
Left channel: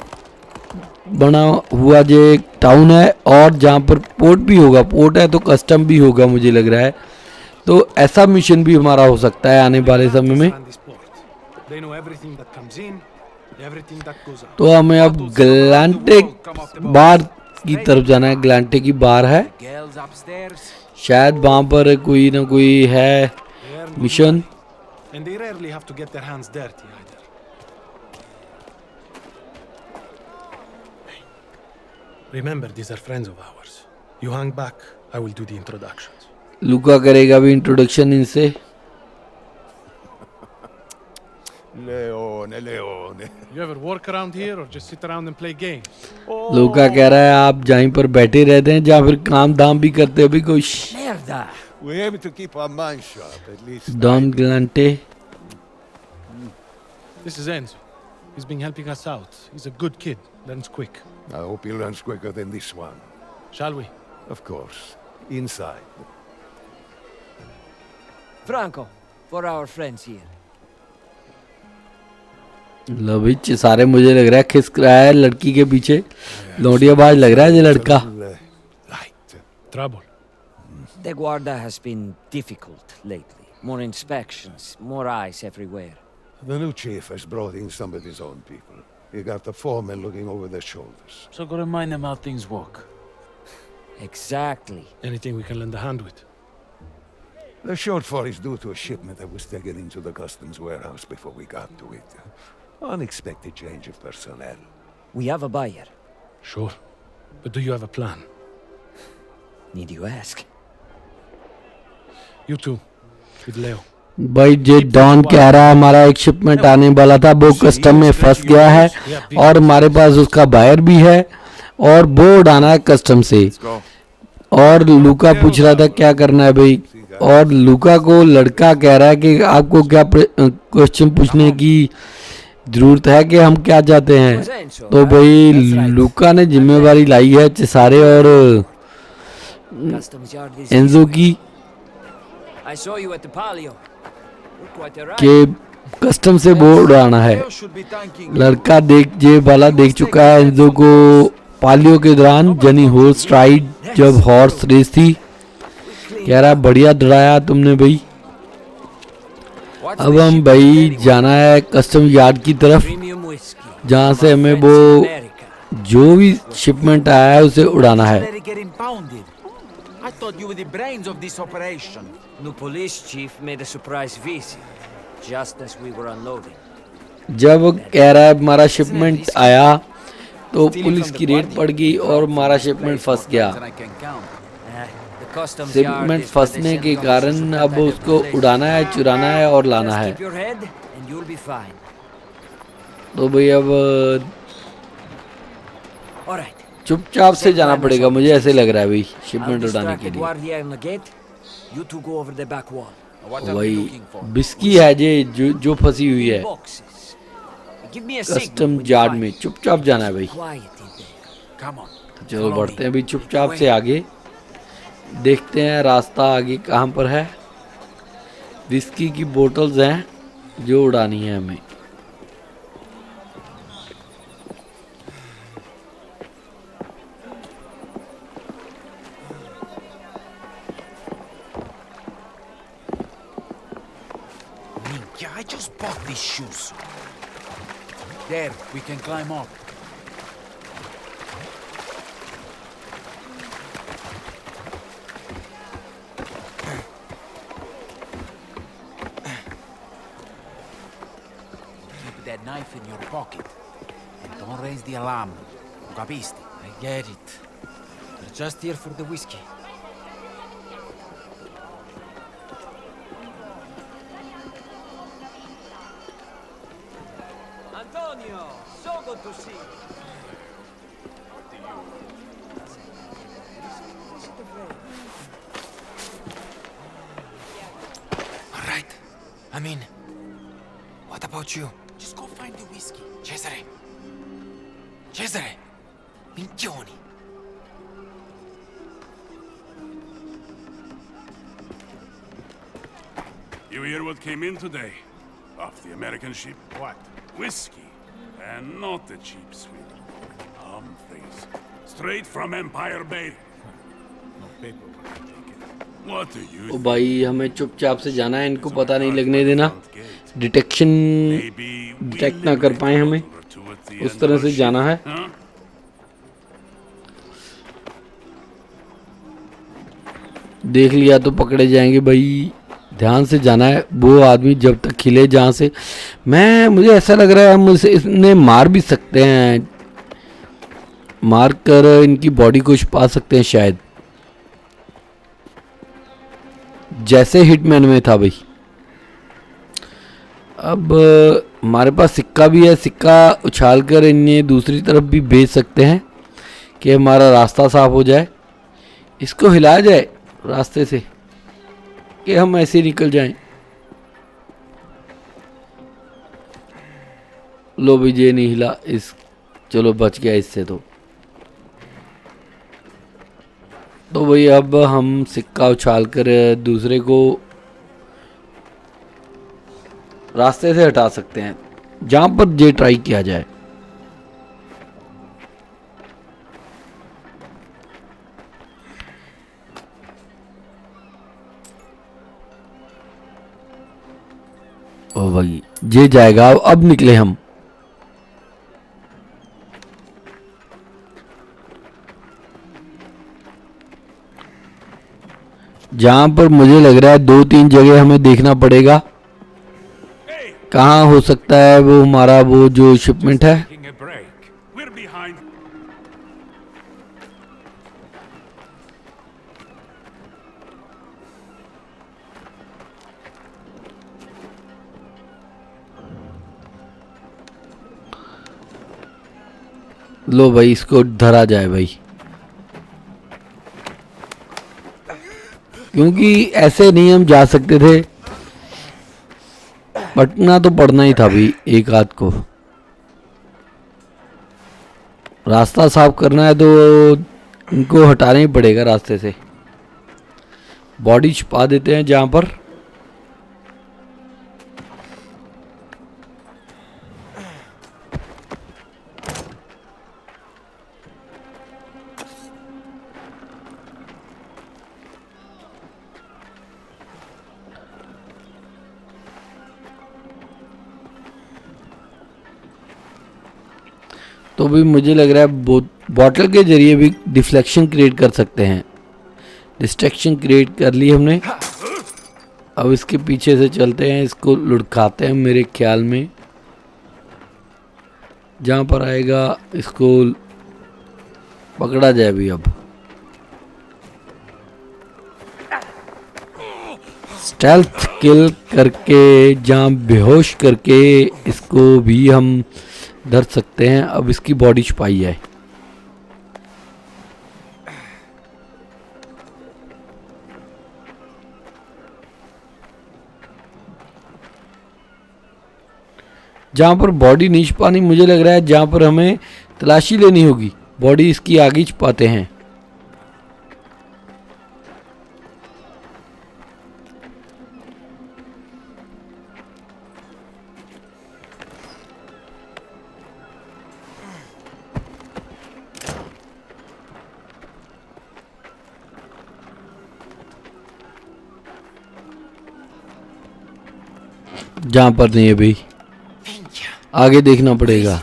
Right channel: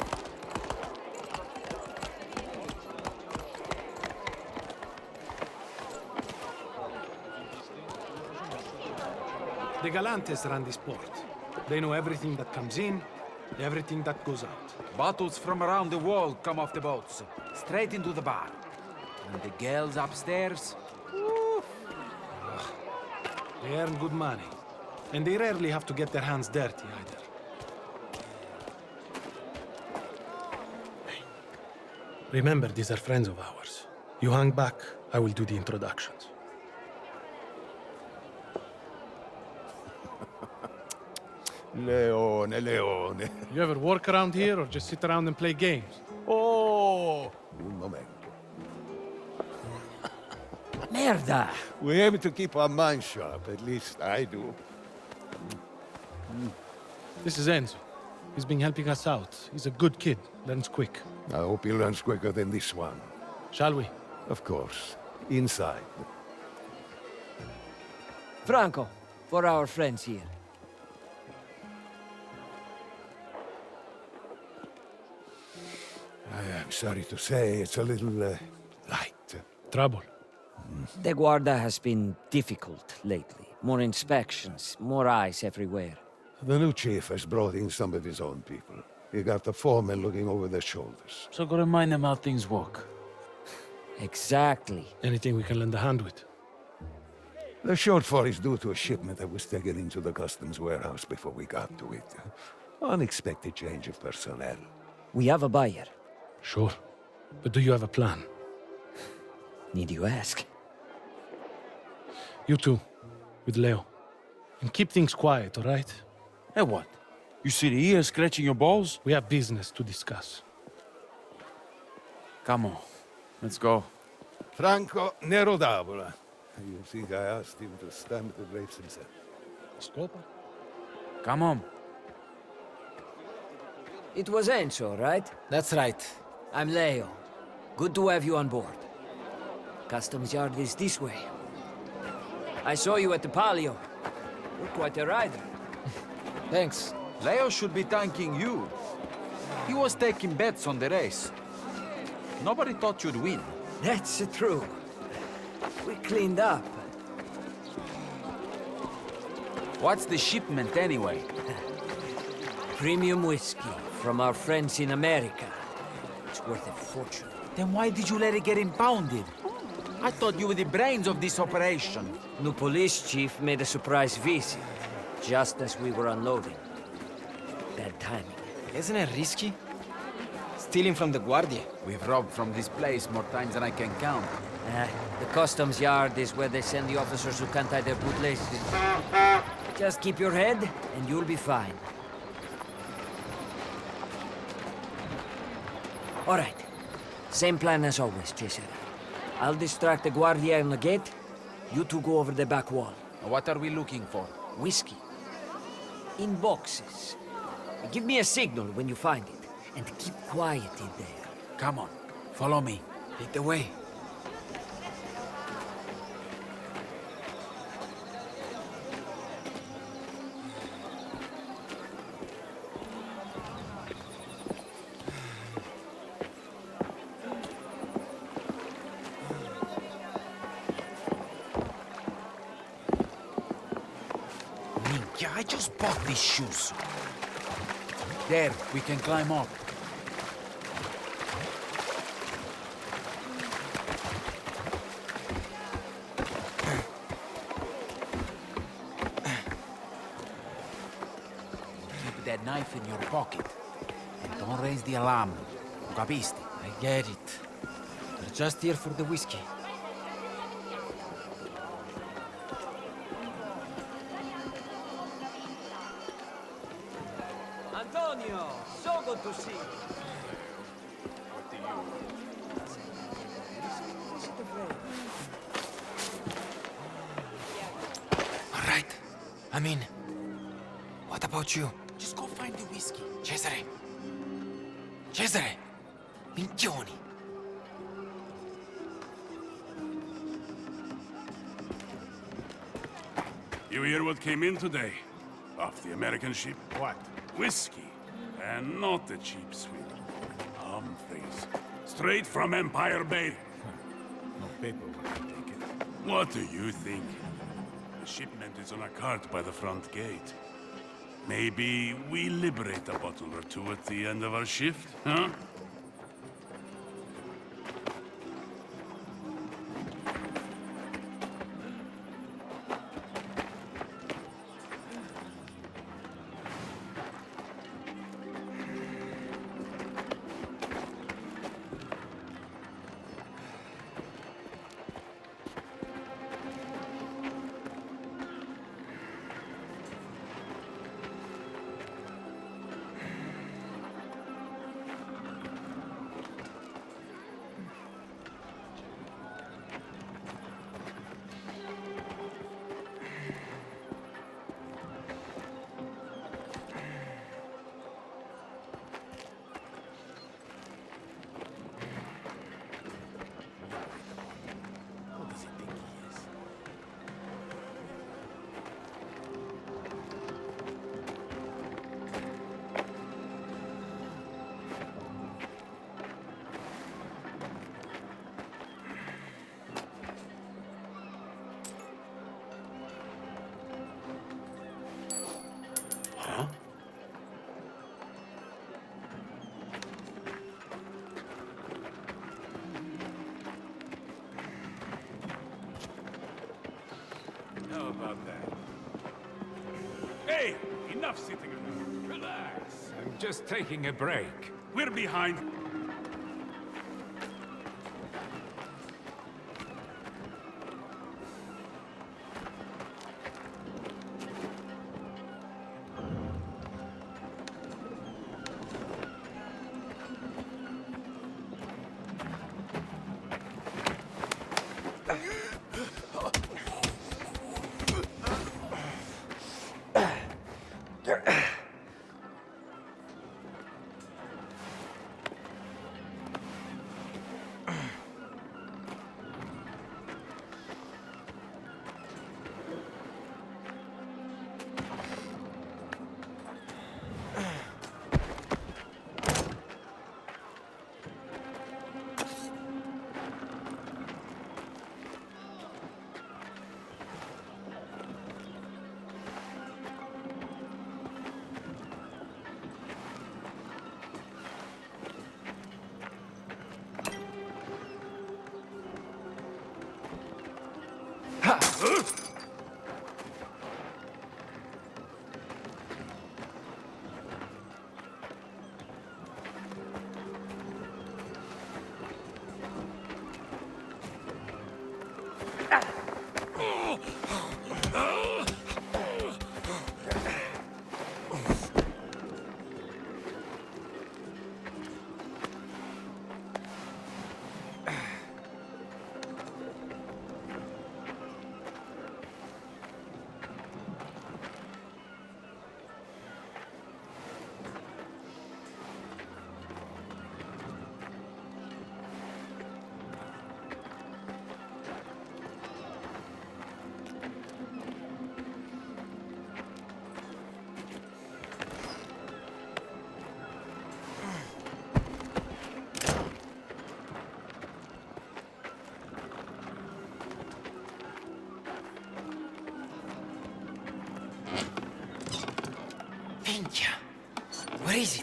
बना हुआ जो एक टाउन है और जहाँ पर पोर्ट भी होगा, पोर्ट है तो कस्टम भी होगा मुझे लग रहा है। तो ऐसा मिशन भी हमारा हो सकता है आने वाले समय में। तो हमें अब ग्लांटे बार की तरफ जाना है। ग्लांटे की बार है, शायद वहाँ पर कोई ना कोई है mission. Remember, these are friends of ours. You hang back, I will do the introductions. लूका करेगा भी इंट्रोडक्शन इनसे। Leone. You ever work around here or just sit around and play games? लूका कह रहा है आप जहीं पर बैठे रहते हैं या फिर काम धाम भी करते हो भी कुछ। Merda! We aim to keep our minds sharp, at least. Don ग्लांटे। This is Enzo. He's been helping us out. He's a good kid, learns quick. I hope he learns quicker than this one. Shall we? Of course. Inside. Franco, for our friends here. लो भाई सारे मुझे लग रहा है खिसक रहा है लड़की के पीछे। लौंडियाबाज लग रहा है ये लड़का। Trouble. The Guarda has been difficult lately. More inspections, more eyes everywhere. The new chief has brought in some of his own people. He got the foremen looking over their shoulders. So go remind them how things work. Exactly. Anything we can lend a hand with? The shortfall is due to a shipment that was taken into the customs warehouse before we got to it. Unexpected change of personnel. We have a buyer. Sure. But do you have a plan? Need you ask? You too. With Leo. भाई जे don कह रहा है हमारा एक shipment आने वाला था, वो कस्टम में फंस गया है और हमारे पास उसका बायर भी है और वो उड़ाना है कस्टम से। और लूका पूछ रहा था क्या करना है भाई, और लूका को लड़का कह रहा है कि आपको क्या क्वेश्चन पूछने की जरूरत है कि हम क्या चाहते हैं। तो भाई लूका ने जिम्मेवारी लाई है चेसारे और एंजो की। I saw you at the Palio. You're quite a कि कस्टम से वो उड़ाना है। Leo should be thanking you. लड़का ये वाला देख चुका है एंजो को पालियो के दौरान जनी हॉर्स राइड, जब हॉर्स रेस थी। कह रहा बढ़िया दौड़ाया तुमने भाई। What's अब the हम shipment भाई anyway? जाना है कस्टम यार्ड की तरफ, premium whiskey. जहाँ from से our हमें friends in वो America. जो भी शिपमेंट आया है उसे उड़ाना Why है। did you let it get impounded? I thought you were the brains of this operation. New police chief made a surprise visit, just as we were unloading. जब कह रहा है हमारा शिपमेंट risky? आया तो Stealing पुलिस from the की red Guardia. पड़ गई We और broke from हमारा this शिपमेंट place फंस more गया। times than I can count. The customs yard shipment is where they फंसने send के the officers who कारण can't अब handle उसको the place. उड़ाना है, चुराना है और लाना Just है। keep your head and you'll be fine. तो भाई अब All right. चुपचाप से Same जाना plan as पड़ेगा, मुझे always, ऐसे लग रहा है भाई I'll शिपमेंट उड़ाने distract के the लिए। guardia on the gate. You two go over the back wall. What are we वही looking for? बिस्की है जो फंसी हुई In है boxes. Give me a signal custom when you yard find में। it. चुपचाप जाना है भाई। Quiet in there. Come on. चलो Follow बढ़ते me. हैं भाई चुपचाप Lead the से way. आगे, देखते हैं रास्ता आगे कहाँ पर है। विस्की की बोतल्स हैं जो उड़ानी है हमें। Minchia, I just bought these shoes. There, we can climb up. Keep that knife in your pocket. And don't raise the alarm. Capisti? I get it. We're just here for the whiskey. Antonio, so good to see you. All right. I'm in. What about you? Just go find the whiskey. Cesare! Cesare! Minchioni! You hear what came in today? Off the American ship? What? Whiskey. And not the cheap sweet. Humphreys. Straight from Empire Bay. No paperwork to take it. What do you तो think? भाई हमें चुपचाप से जाना है, इनको It's on पता a नहीं cart लगने by the देना, front gate. Detection Maybe we detect ना कर liberate पाए a हमें, bottle or two at the उस end तरह of our से जाना है। shift, huh? देख लिया तो पकड़े जाएंगे भाई, ध्यान से जाना है। वो आदमी जब तक खिले जहाँ से, मुझे ऐसा लग रहा है हम इन्हें मार भी सकते हैं, मार कर इनकी बॉडी को छुपा सकते हैं शायद, जैसे हिटमैन में था भाई। अब हमारे पास सिक्का भी है, सिक्का उछाल कर इन्हें दूसरी तरफ भी भेज सकते हैं कि हमारा रास्ता साफ हो जाए। इसको हिलाया जाए रास्ते से कि हम ऐसे निकल जाएं। लो भाई ये नहीं हिला, इस चलो बच गया इससे। तो भाई अब हम सिक्का उछाल कर दूसरे को रास्ते से हटा सकते हैं जहां पर ये ट्राई किया जाए। ओ भाई ये जाएगा, अब निकले हम। जहां पर मुझे लग रहा है 2-3 जगह हमें देखना पड़ेगा कहाँ हो सकता है वो हमारा वो जो शिपमेंट है। Taking a break. We're behind. लो भाई इसको धरा जाए भाई, क्योंकि ऐसे नहीं हम जा सकते थे, पटना तो पड़ना ही था भाई। एक आध को रास्ता साफ करना है तो इनको हटाना ही पड़ेगा रास्ते से। बॉडी छुपा देते हैं जहाँ पर तो भी मुझे लग रहा है बॉटल के जरिए भी डिफ्लेक्शन क्रिएट कर सकते हैं। डिस्ट्रैक्शन क्रिएट कर ली हमने। अब इसके पीछे से चलते हैं, इसको लुढ़काते हैं मेरे ख्याल में। जहाँ पर आएगा इसको पकड़ा जाए भी। अब स्टेल्थ किल करके जहाँ बेहोश करके इसको भी हम धर सकते हैं। अब इसकी बॉडी छुपाई जाए। जहाँ पर बॉडी नहीं छुपानी, मुझे लग रहा है जहाँ पर हमें तलाशी लेनी होगी, बॉडी इसकी आगे छुपाते हैं। जहाँ पर नहीं है भाई, आगे देखना पड़ेगा।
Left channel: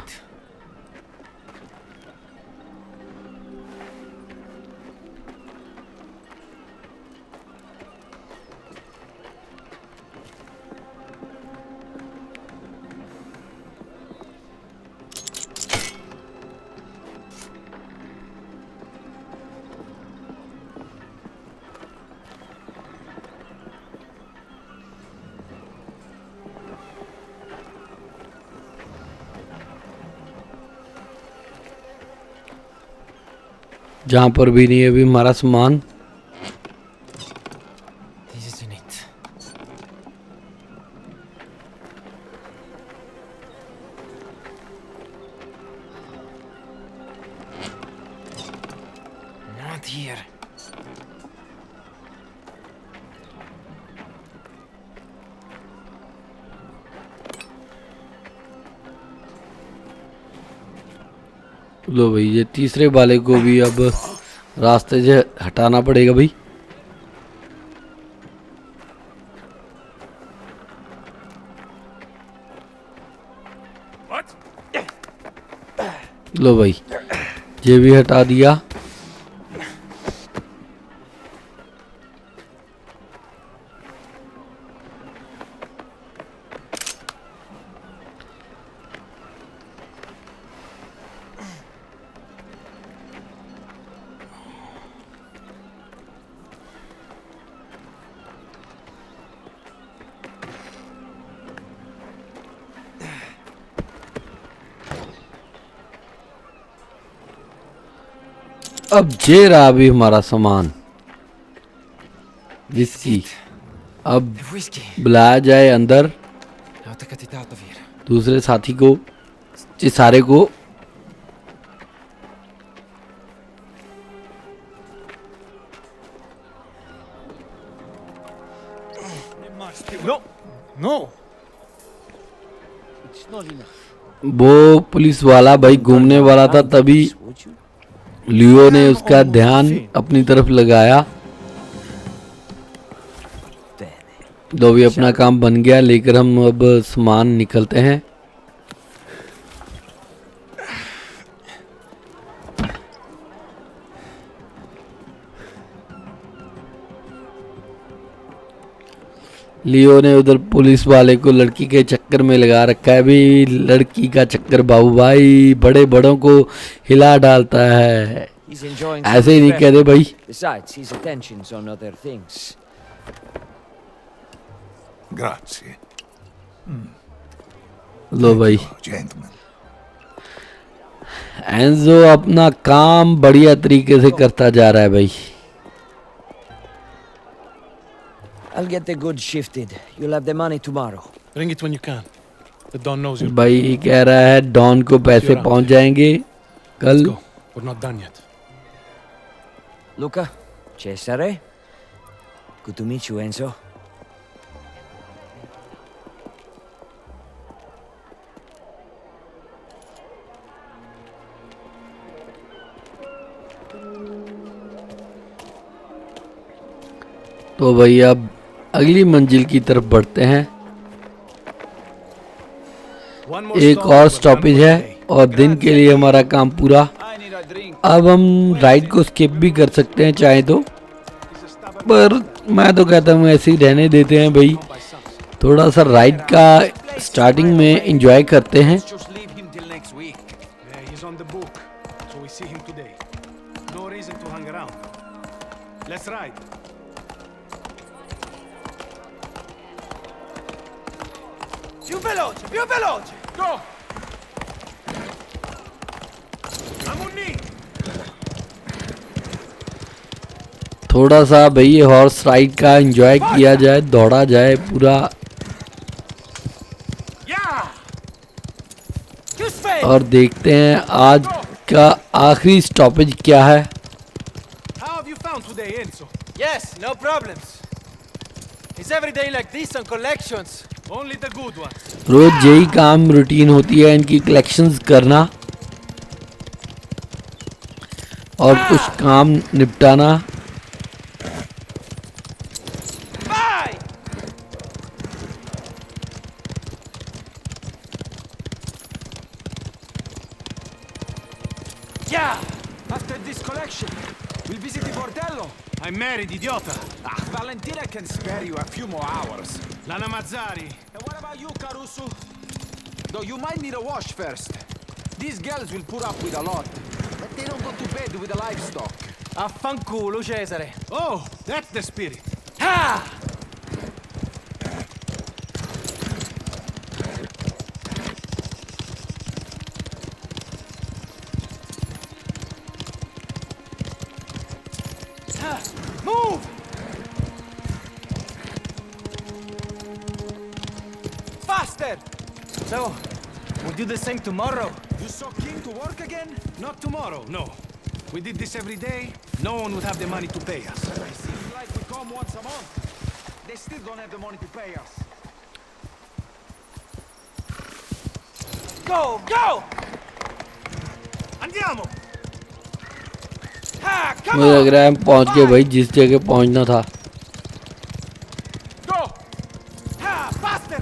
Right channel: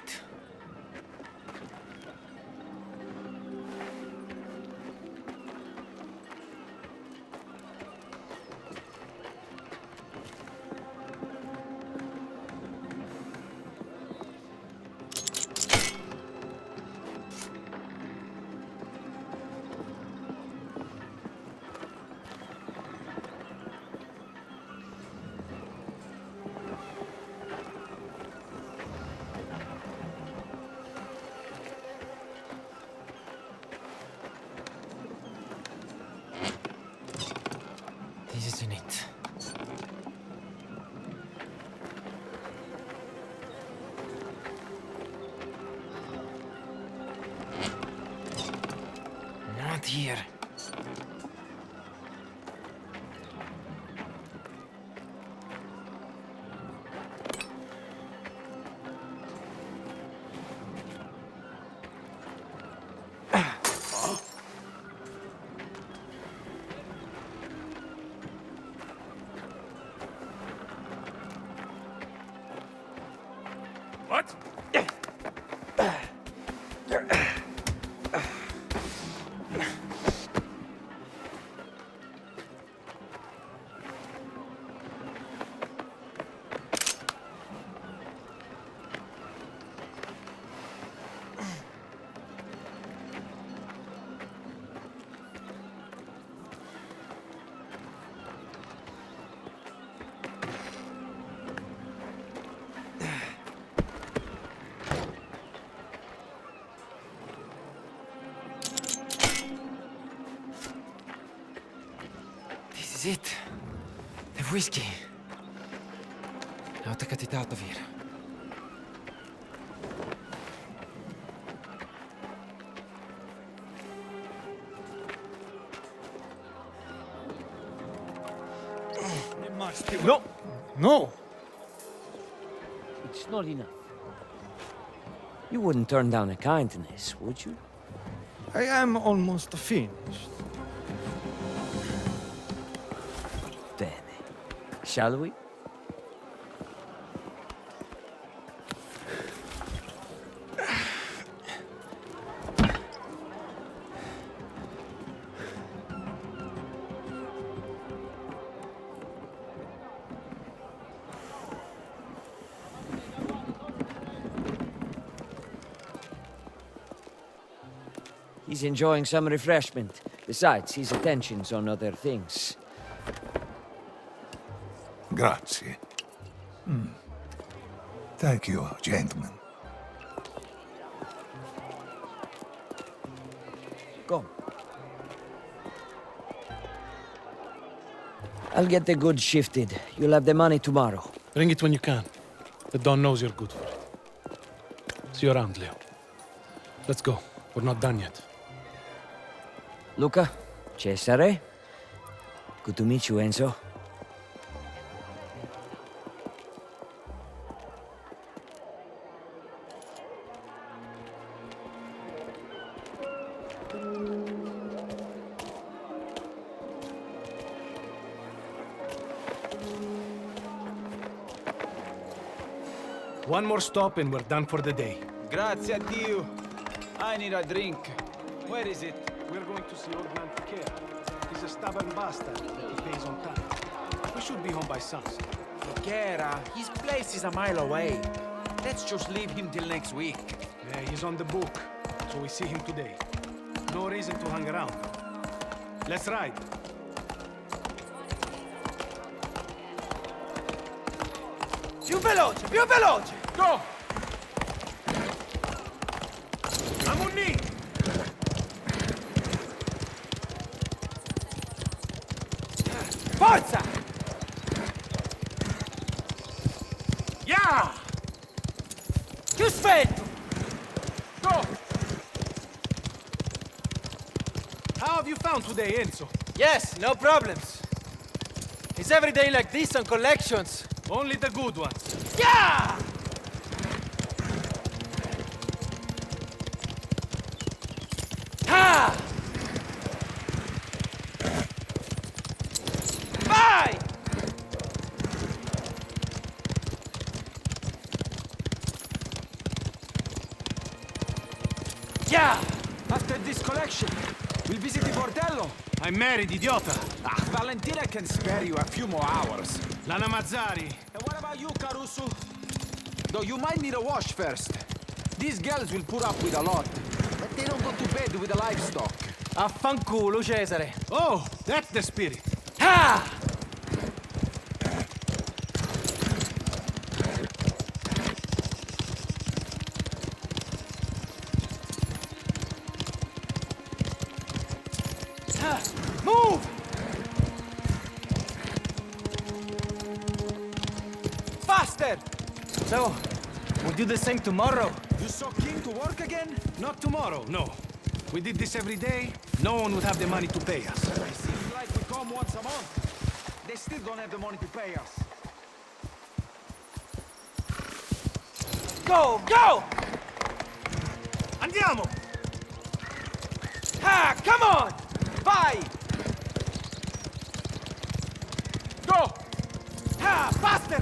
जहाँ पर भी नहीं है अभी हमारा सामान। This isn't it. Not here. लो भाई, ये तीसरे वाले को भी अब रास्ते से हटाना पड़ेगा भाई। लो भाई, ये भी हटा दिया। अब ये रहा अभी हमारा सामान, जिसकी अब बुलाया जाए अंदर दूसरे साथी को, इस सारे को। No, no. वो पुलिस वाला भाई घूमने वाला था, तभी लियो ने उसका ध्यान अपनी तरफ लगाया। तो भी अपना काम बन गया, लेकर हम अब सामान निकलते हैं। लियो ने उधर पुलिस वाले को लड़की के चक्कर में लगा रखा है। भी लड़की का चक्कर बाबू भाई बड़े बड़ों को हिला डालता है। ऐसे ही नहीं कहते भाई। Besides, his attention's on other things. Grazie. लो भाई, Gentlemen. एंजो अपना काम बढ़िया तरीके से करता जा रहा है भाई। I'll get the goods shifted. You'll have the money tomorrow. Bring it when you can. The Don knows you're. भाई कह रहा है डॉन को पैसे पहुंच जाएंगे कल। Let's go. We're not done yet. Luca, Cesare. Good to meet you, Enzo. तो भाई अब अगली मंजिल की तरफ बढ़ते हैं। एक और स्टॉपेज है और दिन के लिए हमारा काम पूरा। अब हम राइड को स्किप भी कर सकते हैं चाहे तो, पर मैं तो कहता हूँ ऐसे ही रहने देते हैं भाई। थोड़ा सा राइड का स्टार्टिंग में एंजॉय करते हैं। Più veloce, più veloce! Go! थोड़ा सा भाई ये हॉर्स राइड का एंजॉय किया जाए, दौड़ा जाए पूरा। और देखते हैं आज का आखिरी स्टॉपेज क्या है। How have you found today, Enzo? Yes, no problems. It's every day like this on collections. Only the good ones. रोज यही काम रूटीन होती है इनकी, कलेक्शंस करना और कुछ काम निपटाना। Vai! Yeah! After this collection, we'll visit the bordello. I'm married, idiota. Valentina can spare you a few more hours. Lana Mazzari. And what about you, Caruso? Though you might need a wash first. These girls will put up with a lot, but they don't go to bed with the livestock. Affanculo, Cesare. Oh, that's the spirit. Ha! Move! Faster! So, we'll do the same tomorrow. You so keen to work again? Not tomorrow, no. We did this every day, no one would have the money to pay us. It seems like we come once a month. They still don't have the money to pay us. Go, go! Andiamo! Ha, come मुझे लग on! रहा है हम पहुंच गए भाई जिस जगह पहुंचना था। Go! Ha, faster!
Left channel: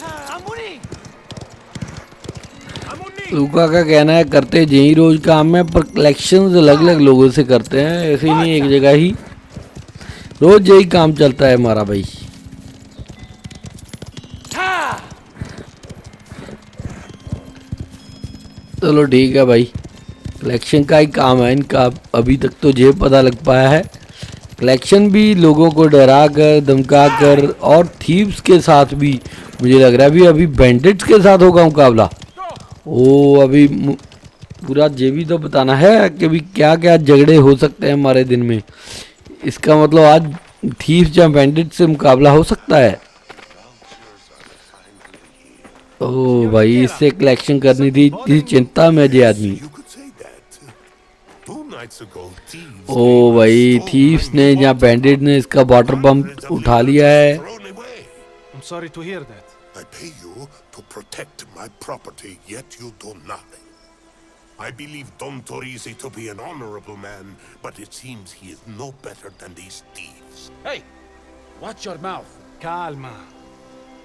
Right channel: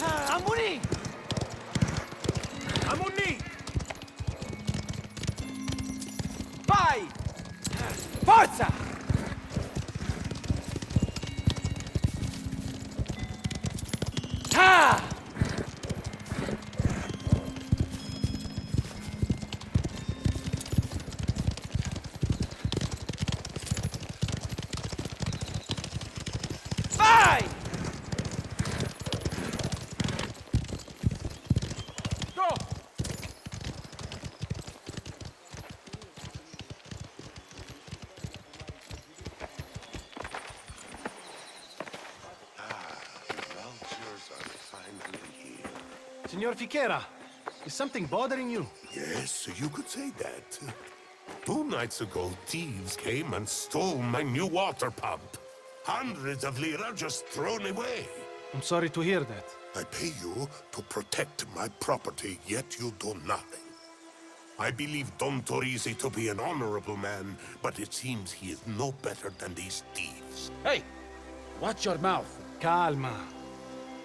Ha, Amuni! लूका का कहना है करते यही रोज काम है, पर कलेक्शंस अलग अलग लोगों से करते हैं, ऐसे ही नहीं एक जगह ही। रोज यही काम चलता है हमारा भाई। चलो ठीक है भाई, कलेक्शन का ही काम है इनका। अभी तक तो ये पता लग पाया है कलेक्शन भी लोगों को डरा कर धमका कर, और थीव्स के साथ भी मुझे लग रहा है अभी बैंडिट्स के साथ होगा मुकाबला। ओ अभी पूरा ये भी तो बताना है कि अभी क्या क्या झगड़े हो सकते हैं हमारे दिन में। इसका मतलब आज थीव्स या बैंडिट्स से मुकाबला हो सकता है। ओ भाई इससे कलेक्शन करनी थी, इतनी चिंता में जे आदमी। ओ भाई थीव्स ने या बैंडिट ने इसका वाटर पंप उठा लिया है। I'm sorry to hear that. I pay you to protect my property, yet you do nothing. I believe Don Torisi to be an honorable man, but it seems he is no better than these thieves. Hey, watch your mouth. Calma.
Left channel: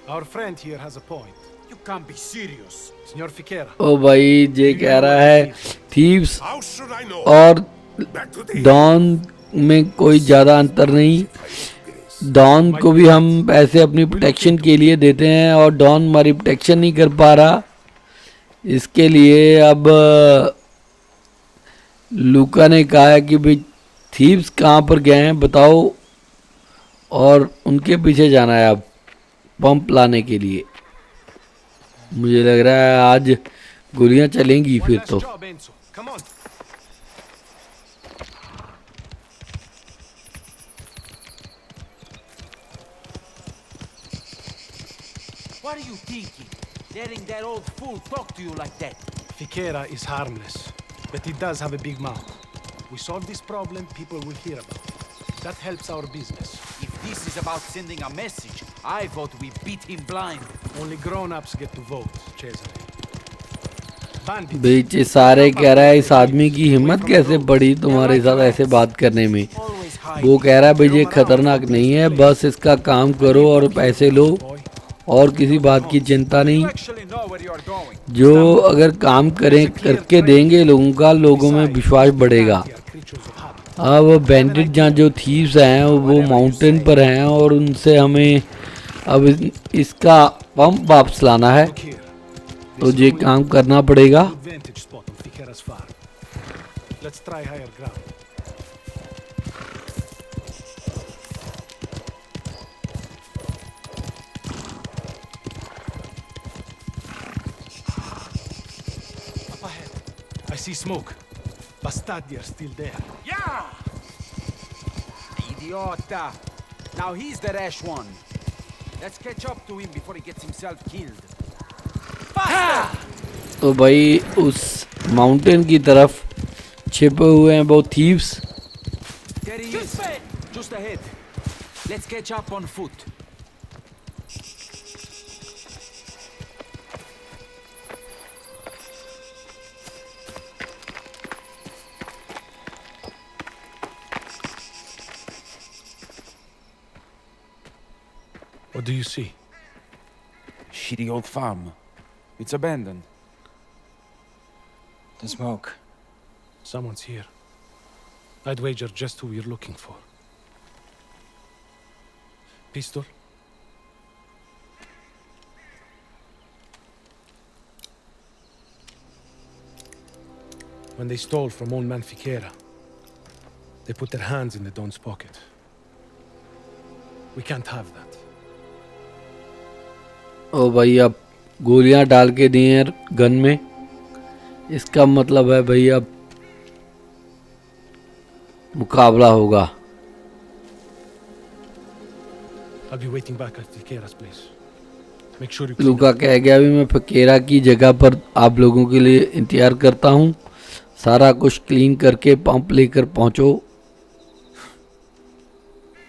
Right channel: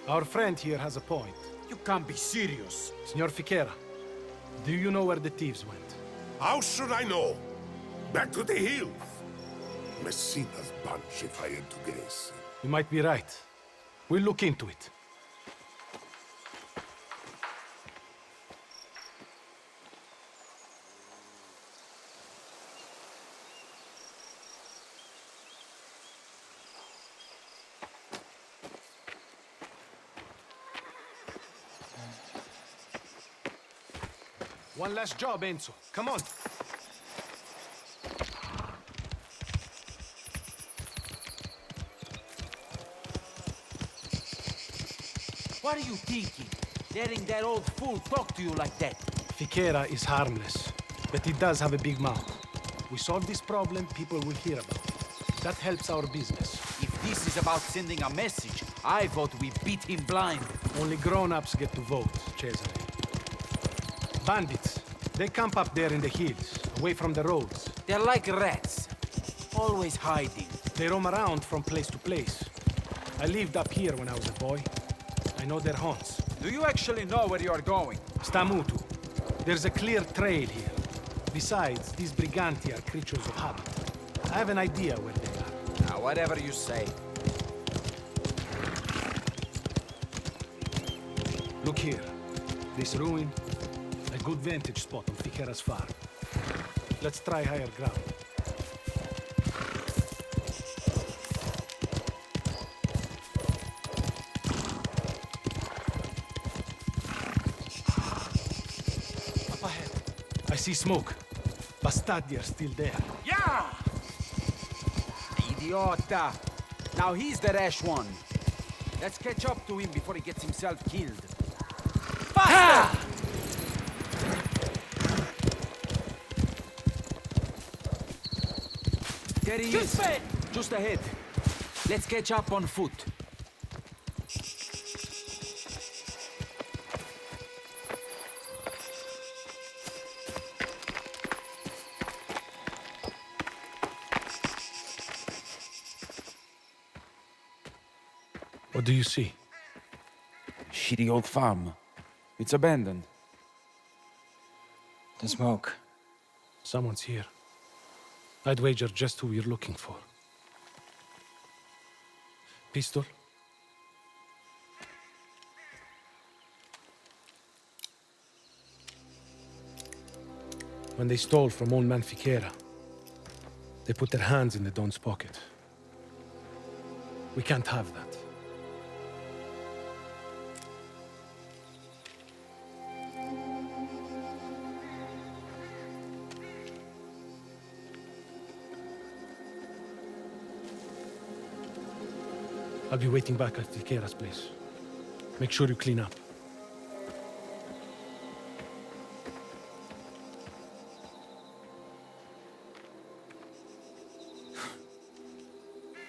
Our friend here has a point. You can't be serious. Signor Fichera. ओ भाई ये कह रहा है thieves How should I know? और Back to the don में कोई ज़्यादा अंतर नहीं। डॉन को भी हम पैसे अपनी प्रोटेक्शन के लिए देते हैं और डॉन हमारी प्रोटेक्शन नहीं कर पा रहा। इसके लिए अब लूका ने कहा है कि भाई थीव्स कहाँ पर गए हैं बताओ, और उनके पीछे जाना है अब पंप लाने के लिए। मुझे लग रहा है आज गोलियां चलेंगी फिर तो। What are you thinking? Letting that old fool talk to you like that? Fichera is harmless, but he does have a big mouth. We solve this problem, people will hear about it. That helps our business. If this is about sending a message, I vote we beat him blind. Only grown-ups get to vote, Cesare. bandits. बेचे सारे कह रहा है इस आदमी की हिम्मत कैसे बढ़ी तुम्हारे साथ ऐसे बात करने में। वो कह रहा है भाई ये खतरनाक नहीं है, बस इसका काम करो और पैसे लो और किसी बात की चिंता नहीं। जो अगर काम करें करके देंगे लोगों का, लोगों में विश्वास बढ़ेगा। अब बैंडिट जहाँ जो थीव्स हैं वो माउंटेन पर हैं और उनसे हमें अब इसका पंप वापस लाना है, तो ये काम करना पड़ेगा। Let's try higher ground. Up ahead. I see smoke. Bastardi are still there. Yeah! Idiota! Now he's the rash one. Let's catch up to him before he gets himself killed. तो भाई उस माउंटेन की तरफ छिपे हुए हैं वो thieves. There he is. Just ahead. Let's catch up on foot. What do you see? Shitty old farm. It's abandoned. The smoke. Someone's here. I'd wager just who we're looking for. Pistol? When they stole from old man Fiquera, they put their hands in the Don's pocket. We can't have that. ओ भाई अब गोलियां डाल के दी हैं gun में, इसका मतलब है भाई अब मुकाबला होगा। I'll be waiting back at Fiquera's place. Make sure you clean Luka up. कह गया अभी मैं फकीरा की जगह पर आप लोगों के लिए इंतजार करता हूँ। सारा कुछ क्लीन करके पंप लेकर पहुँचो।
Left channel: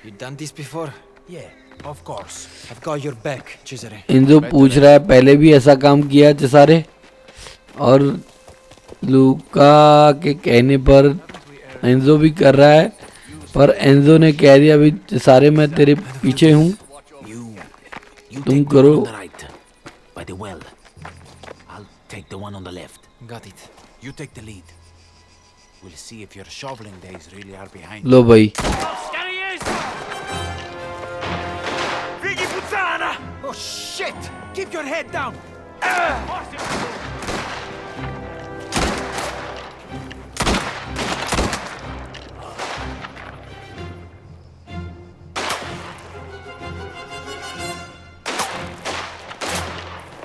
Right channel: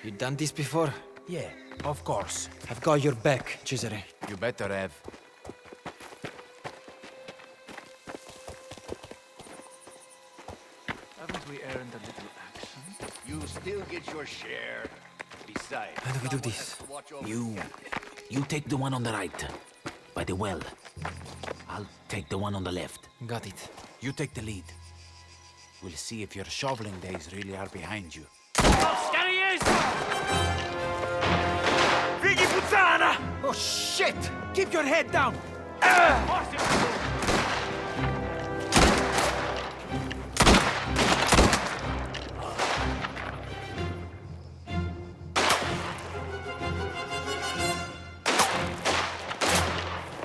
You done this before? Yeah, of course. I've got your back, Cesare. इंजो पूछ रहा है पहले भी ऐसा काम किया है चेसारे, और लूका के कहने पर एंजो भी कर रहा है, पर एंजो ने कह दिया अभी चेसारे मैं तेरे पीछे हूँ, तुम करो। By the well. I'll take the one on the left. Got it. You take the lead. We'll see if your shoveling days really are behind. लो भाई। Fighi puttana! Oh shit! Keep your head down!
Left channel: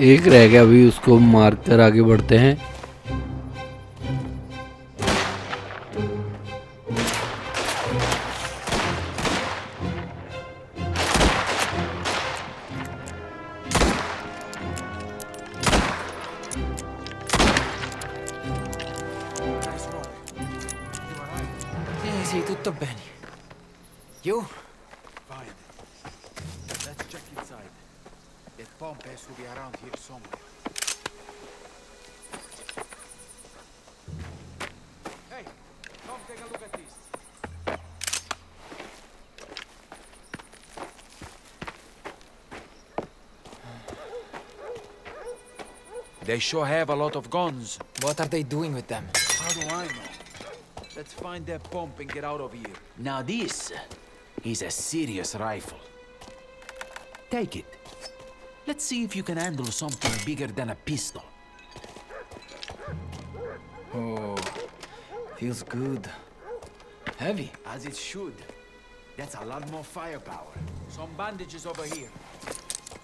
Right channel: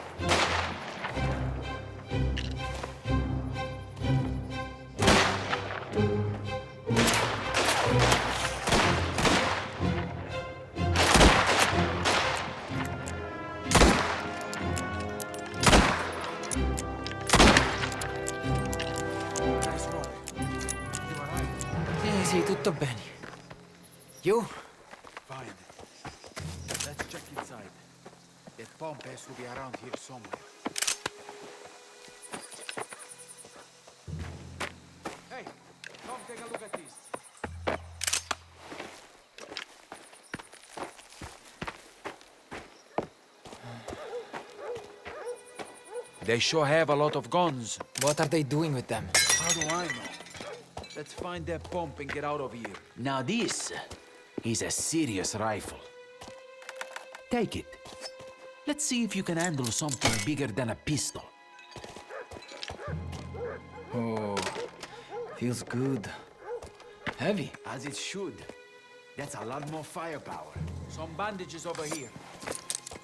एक रह गया, अभी उसको मार कर आगे बढ़ते हैं। Sì, tutto bene. You? Fine. Let's check inside. That pump has to be around here somewhere. Hey, come take a look at this. They sure have a lot of guns. What are they doing with them? How do I know? Let's find that pump and get out of here. Now this is a serious rifle. Take it. Let's see if you can handle something bigger than a pistol. Oh, feels good. Heavy. As it should. That's a lot more firepower. Some bandages over here.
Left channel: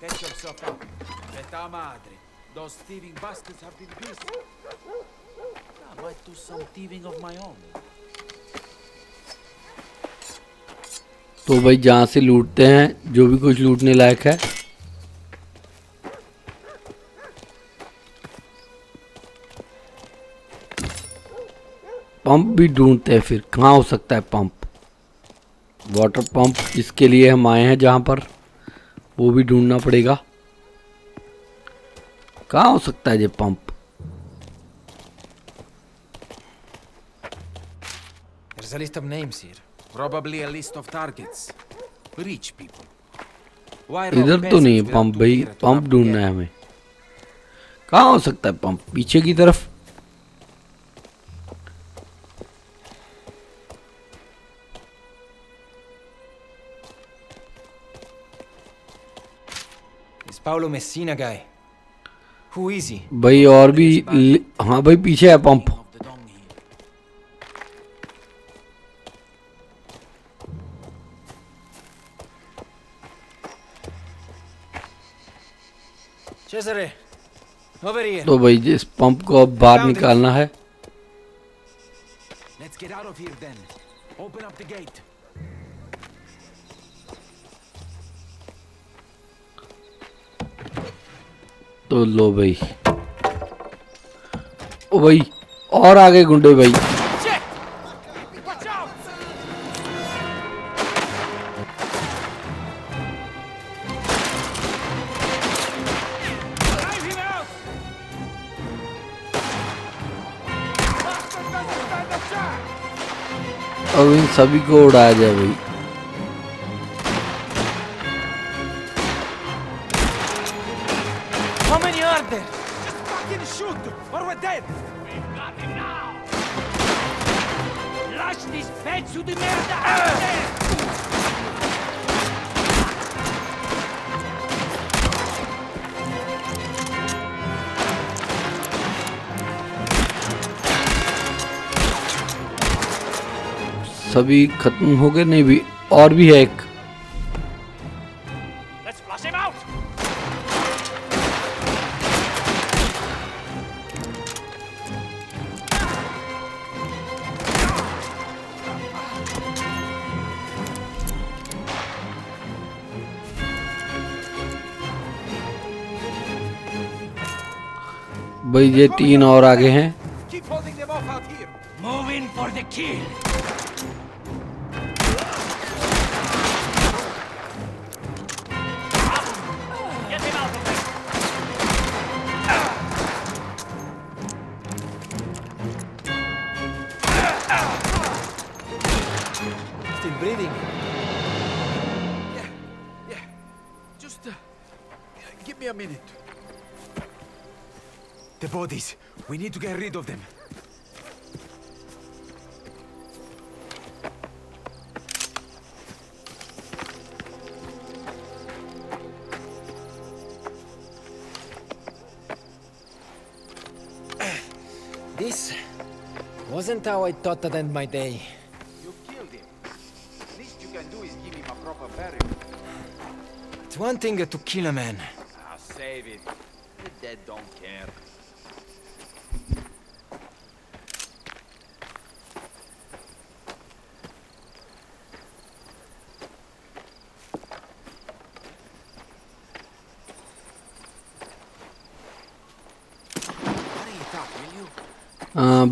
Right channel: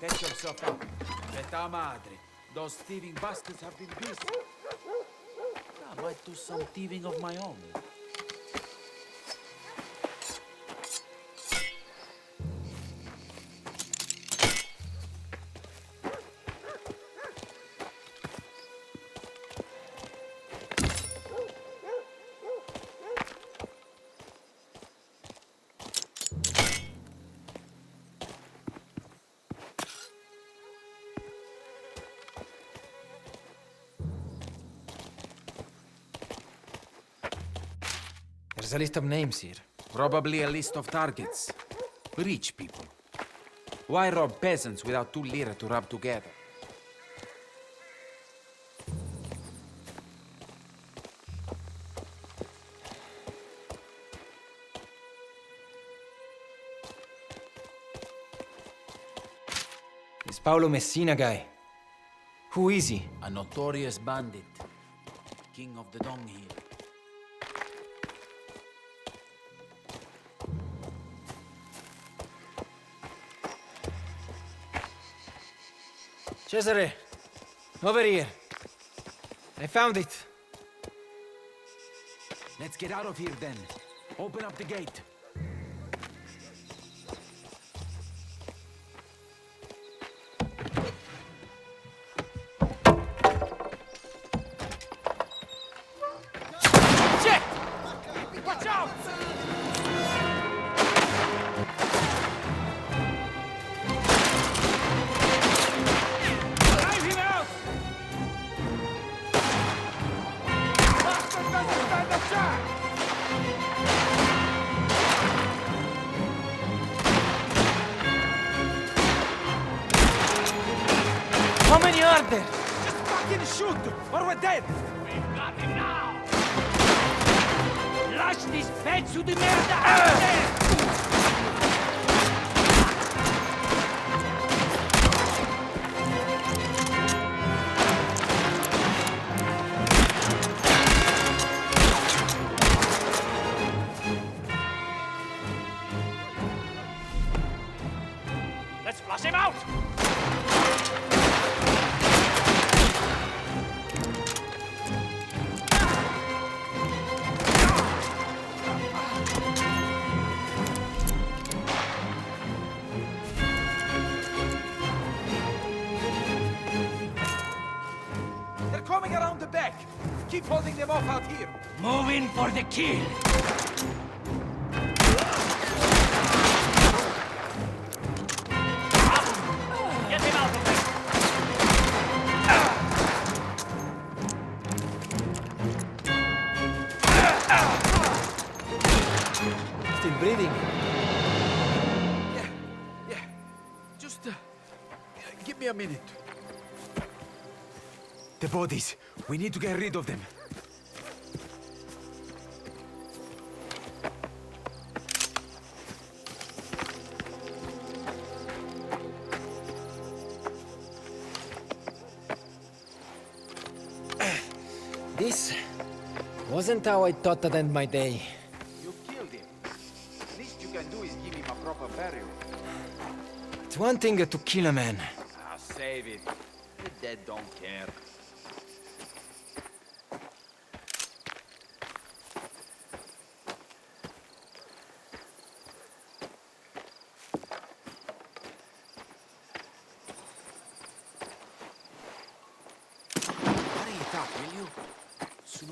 Patch yourself up. Eta madre. Those thieving bastards have been busy. Now I do some thieving of my own. तो भाई जहाँ से लूटते हैं जो भी कुछ लूटने लायक है। पंप भी ढूंढते हैं, फिर कहाँ हो सकता है पंप। वाटर पंप जिसके लिए हम आए हैं जहाँ पर, वो भी ढूंढना पड़ेगा। कहाँ हो सकता है ये pump. There's a list of names here. Probably a list of targets. Rich people. Why rob इधर तो नहीं है peasants पंप without भाई, two beer to pump rub ढूंढना है together? हमें। कहाँ हो सकता है पंप? पीछे की तरफ। This Paolo Messina guy. Who is he? भाई और भी हाँ भाई पीछे है पंप। Cesare, over here. तो भाई इस पंप को अब बाहर निकालना है। Let's get out of here then. Open up the gate. तो लो भाई। ओ भाई और आगे गुंडे भाई। Watch out! Drive him out! Bastard doesn't stand a chance! और उन सभी को उड़ाया गया भाई। How many are there? Just fucking shoot, or we're dead! We've got him now! Lash this pezzo di merda! सभी खत्म हो गए? नहीं भी और भी है एक। Let's flush him out! भाई ये 3 और आगे हैं। Keep holding them off out here. Move in for the kill! Get him out of there! Still breathing. Yeah. Just give me a minute. The bodies. We need to get rid of them. This wasn't how I thought I'd end my day. You killed him. Least you can do is give him a proper burial. It's one thing to kill a man. Ah, save it. The dead don't care.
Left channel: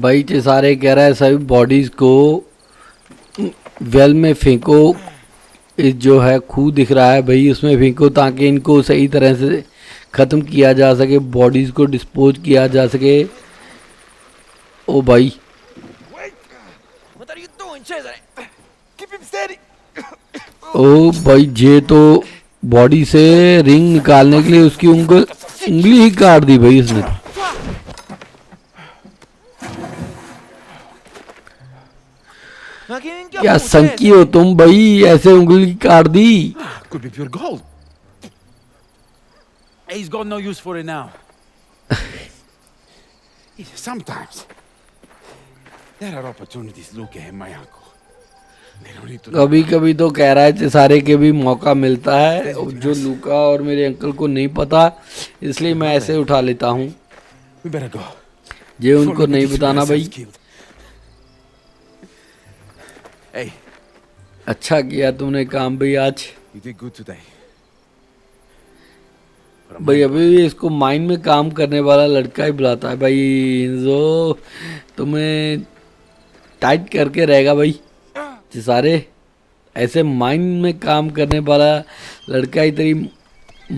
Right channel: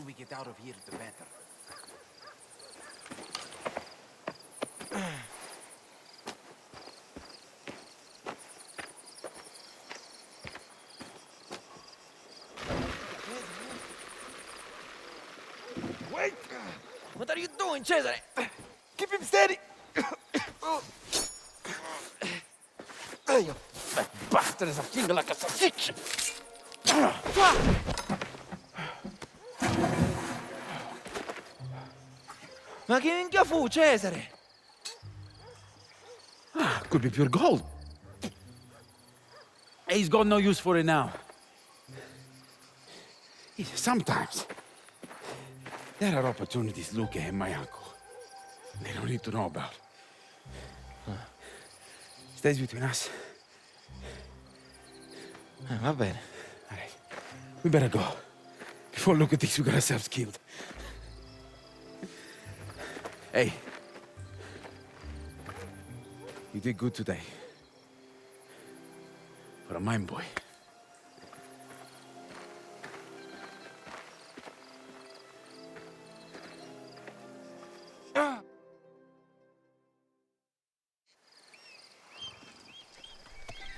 भाई चेसारे कह रहा है सभी bodies को well में फेंको। इस जो है खूह दिख रहा है भाई उसमें फेंको ताकि इनको सही तरह से ख़त्म किया जा सके, बॉडीज़ को डिस्पोज किया जा सके। ओ भाई What are you doing, Cesare? Keep him steady. ओ भाई ये तो बॉडी से रिंग निकालने के लिए उसकी उंगली ही काट दी भाई उसने। क्या संकी हो तुम भाई, ऐसे उंगली काट दी। Could be pure gold. He's got no use for it now. Sometimes there are opportunities looking at my uncle. They don't need to know. कभी कभी तो कह रहा है चेसारे के भी मौका मिलता है जो लूका और मेरे अंकल को नहीं पता, इसलिए मैं ऐसे उठा लेता हूँ। We better go. ये उनको नहीं बताना भाई। Hey, अच्छा किया तुमने काम भाई आज। you did good today. भाई अभी भी इसको माइन में काम करने वाला लड़का ही बुलाता है भाई, जो तुम्हें टाइट करके रहेगा भाई। सारे ऐसे माइन में काम करने वाला लड़का ही तेरी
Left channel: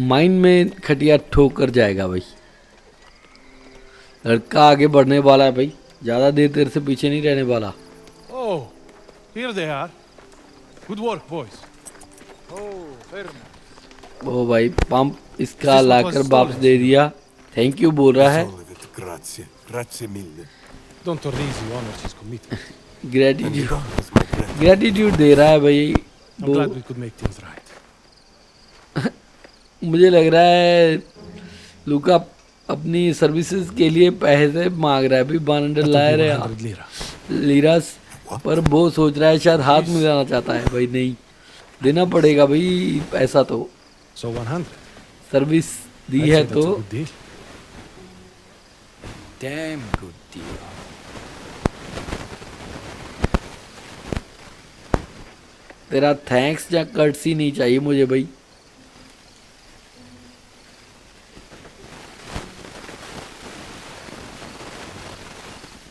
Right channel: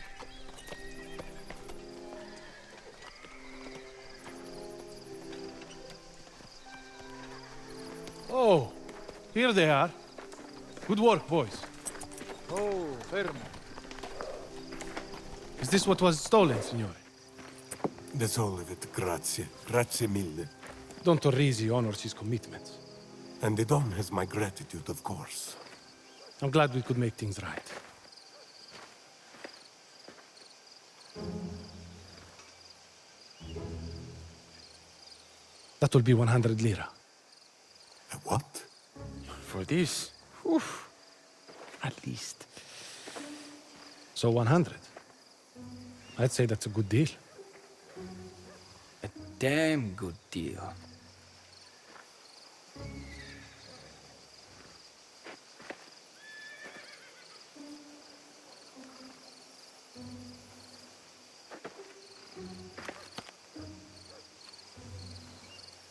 माइन में खटिया ठोक कर जाएगा भाई। लड़का आगे बढ़ने वाला है भाई, ज़्यादा देर तेरे से पीछे नहीं रहने वाला। Oh, Here they are. Good work, boys. Oh, fermo. ओ भाई पंप इसका Is this what locker was वापस stolen, दे signor? दिया। थैंक यू बोल रहा That's है। all of it. Grazie. Grazie mille. Don Torrisi honors his commitment. And the gratitude Don has my gratitude. Gratitude दे रहा है भाई। I'm glad we could make things right. मुझे लग रहा है लूका अपनी सर्विसेज के लिए पैसे मांग रहा है भाई। 100 That लाए will be रहे 100 lira. लीरास, पर वो सोच रहा है शायद हाथ में जाना चाहता है भाई। नहीं देना पड़ेगा भाई पैसा तो। So 100. सर्विस दी I'd है say that's a तो good deal. Damn good deal. तेरा थैंक्स या कर्टसी नहीं चाहिए मुझे भाई।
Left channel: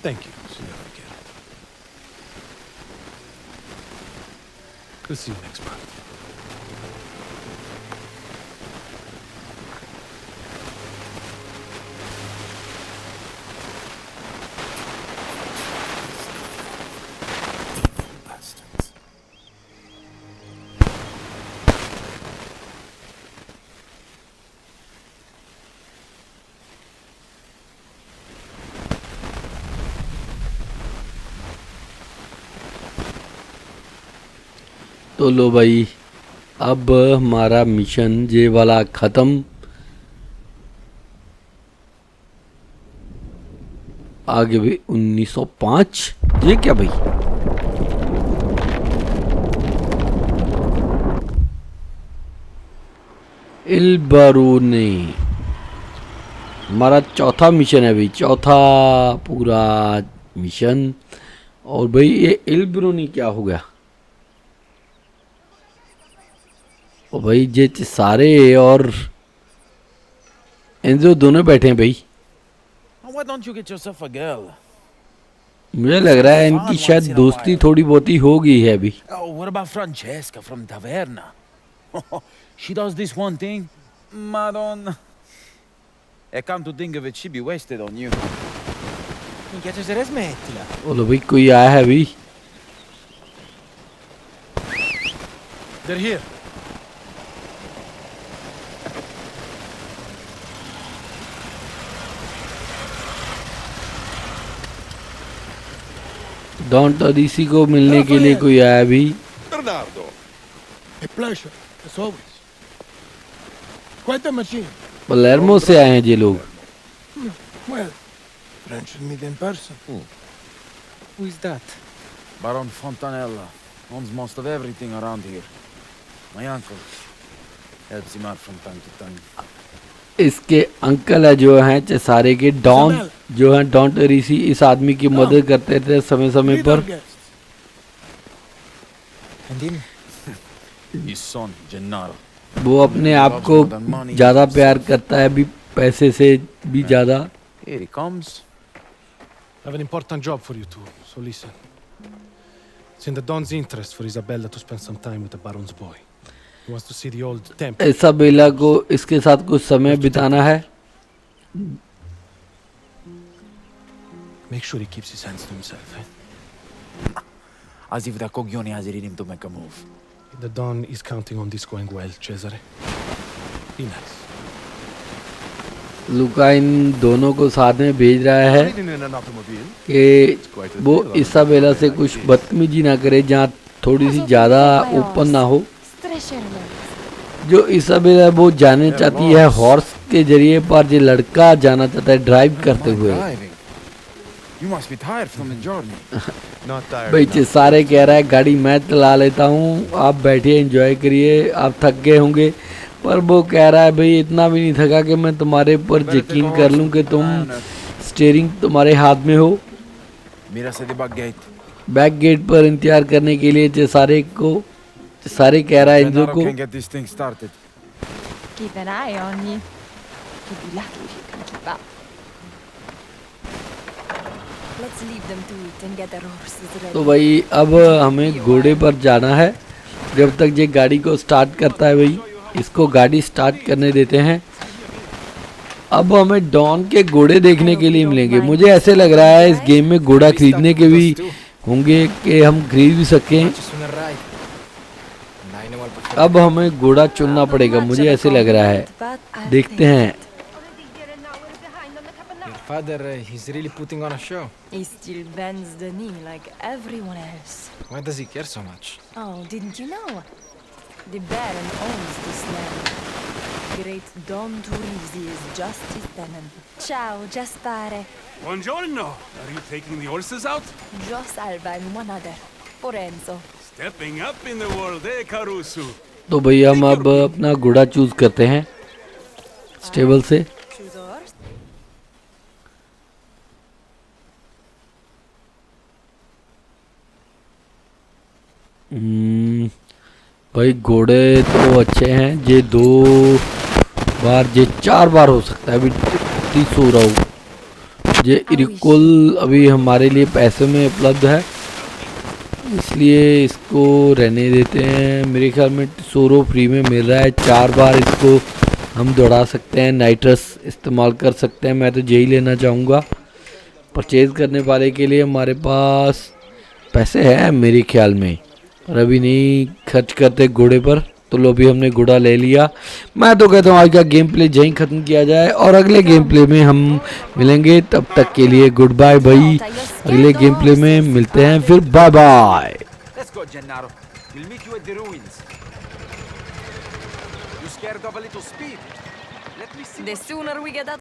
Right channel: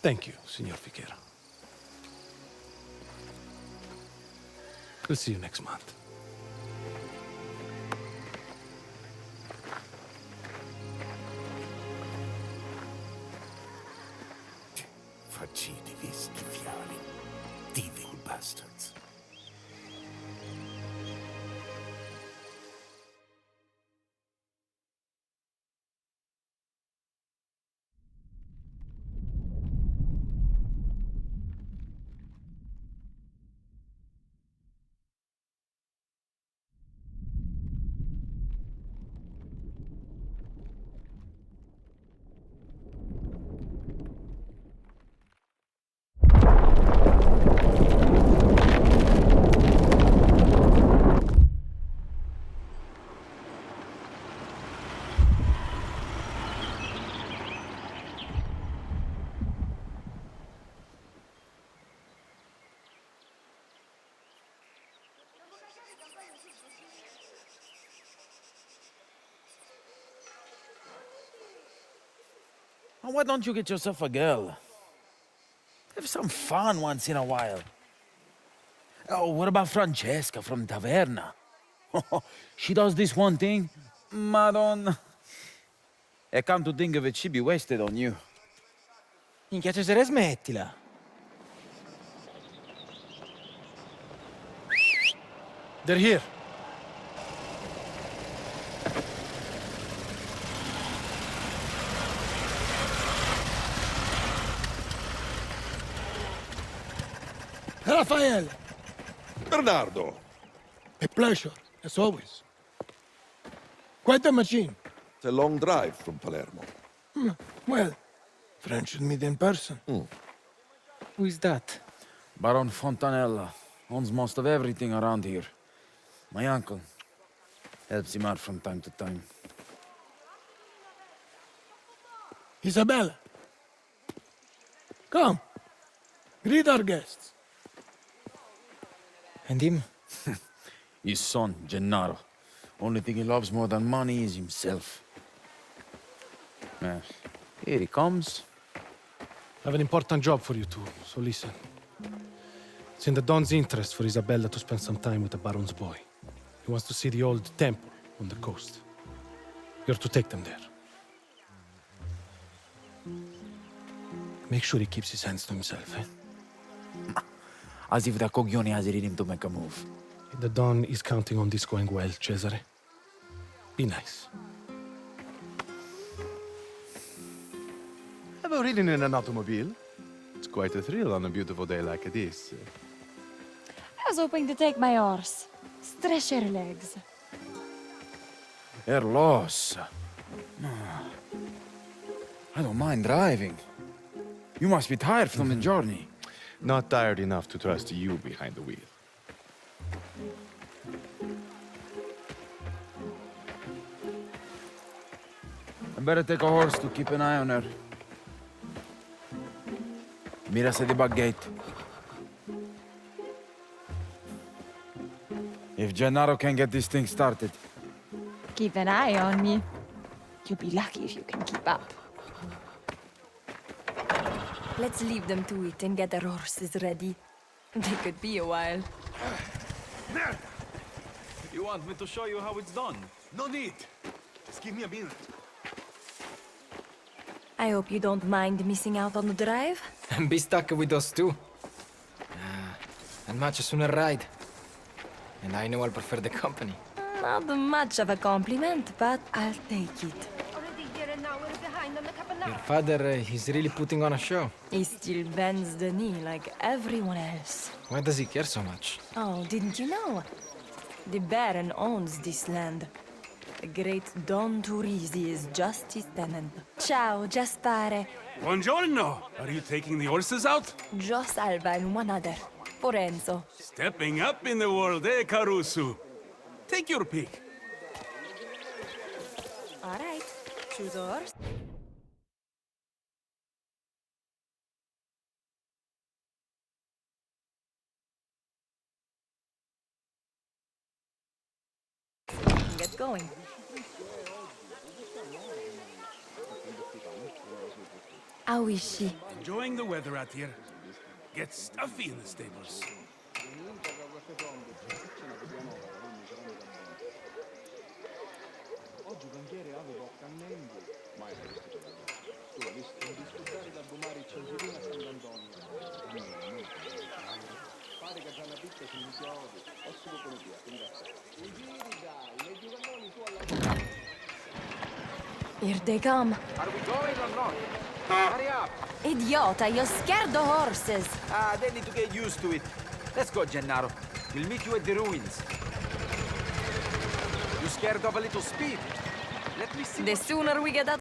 Thank you, Signor Figuera. We'll see you next month. Evil bastards. तो लो भाई अब हमारा मिशन ये वाला खत्म। आगे भी 1905। ये क्या भाई? इल बारूनी हमारा चौथा मिशन है भाई। चौथा पूरा मिशन। और भाई ये इल बारूनी क्या हो गया? ओ भाई ये सारे और एंजो दोनों बैठे हैं भाई। Why don't you get yourself a girl? मुझे लग रहा है इनकी शायद दोस्ती थोड़ी बहुत ही हो गई है अभी। Oh, what about Francesca from Taverna? She does this one thing, Madonna. Come to think of it, she'd be wasted on you. Minchia Cesare, smettila. बोलो भाई कोई आया है अभी। They're here. डॉन टोरिसी को मिलने के लिए कोई आया अभी। Bernardo. A pleasure, as always. Quite a machine. Palermo से आए हैं ये लोग। Well, French and meet in person. Who is that? Baron Fontanella owns most of everything around here. My uncle helps him out from time to time. इसके uncle है जो हैं चेसारे के डॉन, जो हैं डॉन टोरिसी, इस आदमी की मदद करते थे समय समय पर। And him? His son, Gennaro. वो अपने आप को ज्यादा प्यार करता है अभी पैसे से भी ज्यादा। Here he comes. I have an important job for you two, so listen. It's in the Don's interest for Isabella to spend some time with the Baron's boy. He wants to see the old temple. Isabella को इसके साथ कुछ समय बिताना है। Make sure he keeps his hands to himself, eh? As if the coglione has it in him to make a move. The Don is counting on this going well, Cesare. Be nice. लुका इन दोनों को साथ में भेज रहा है कि वो Isabella से कुछ बदतमीजी ना करे, जहाँ थोड़ी सी ज्यादा ओपन ना हो। जो इसाबेला वो जाने चाहती है हॉर्स के जरिए, पर ये लड़का जाना चाहता है ड्राइव करते हुए। You must be tired from the journey. Not tired भाई enough. सारे कह रहा है गाड़ी मैं चला लेता हूँ, आप बैठिए एंजॉय करिए, आप थक गए होंगे। पर वो कह रहा है भाई इतना भी नहीं थका कि मैं तुम्हारे ऊपर यकीन कर लूँ कि तुम स्टीयरिंग तुम्हारे हाथ में हो। Mira se the back gate. Back gate पर इंतजार करने के लिए चेसारे कह रहा है इनको Gennaro can get this thing started. Keep an eye on me. You'll be lucky if you can keep up. Let's leave them to it and get their horses ready. तो भाई अब हमें घोड़े पर जाना है। जब तक ये गाड़ी को स्टार्ट करता है भाई, इसको गाड़ी स्टार्ट करने देते हैं। अब हमें डॉन के घोड़े देखने के लिए मिलेंगे। मुझे ऐसे लग रहा है इस गेम में घोड़ा खरीदने के भी होंगे कि हम खरीद भी सकें। Much sooner ride. And I know I'll prefer अब हमें घोड़ा चुनना पड़ेगा, मुझे ऐसे लग रहा है। देखते हैं। Your father, he's really putting on a show. He still bends the knee like everyone else. Why does he care so much? Oh, didn't you know? The Baron owns this land. The great Don Turisi is just his tenant. Ciao, Gaspare. Buongiorno! Are you taking the horses out? Jo Salva and one other. For Enzo. Stepping up in the world, eh, Caruso? तो भैया हम अब अपना घोड़ा choose करते हैं stable से। Choose a horse. भाई घोड़े तो अच्छे हैं, ये 2 बार, ये 4 बार हो सकता है। अभी 30 हो रहा हूँ। ये इरिकुल अभी हमारे लिए पैसे में उपलब्ध है, इसलिए इसको रहने देते हैं। मेरे ख्याल में सोरो फ्री में मिल रहा है। 4 बार इसको हम दौड़ा सकते हैं, नाइट्रस इस्तेमाल कर सकते हैं। मैं तो यही लेना चाहूँगा। परचेज़ करने वाले के लिए हमारे पास पैसे हैं मेरे ख्याल में, और अभी नहीं खर्च करते घोड़े पर। तो लो भी हमने घोड़ा ले लिया। मैं तो कहता हूँ आज का गेम प्ले यहीं ख़त्म किया जाए और अगले गेम प्ले में हम मिलेंगे। तब तक के लिए गुड बाय भाई, अगले गेम प्ले में मिलते हैं फिर। Bye bye. Let's go, Gennaro. We'll meet you at the ruins. You scared of a little speed? Let me see. The sooner we get out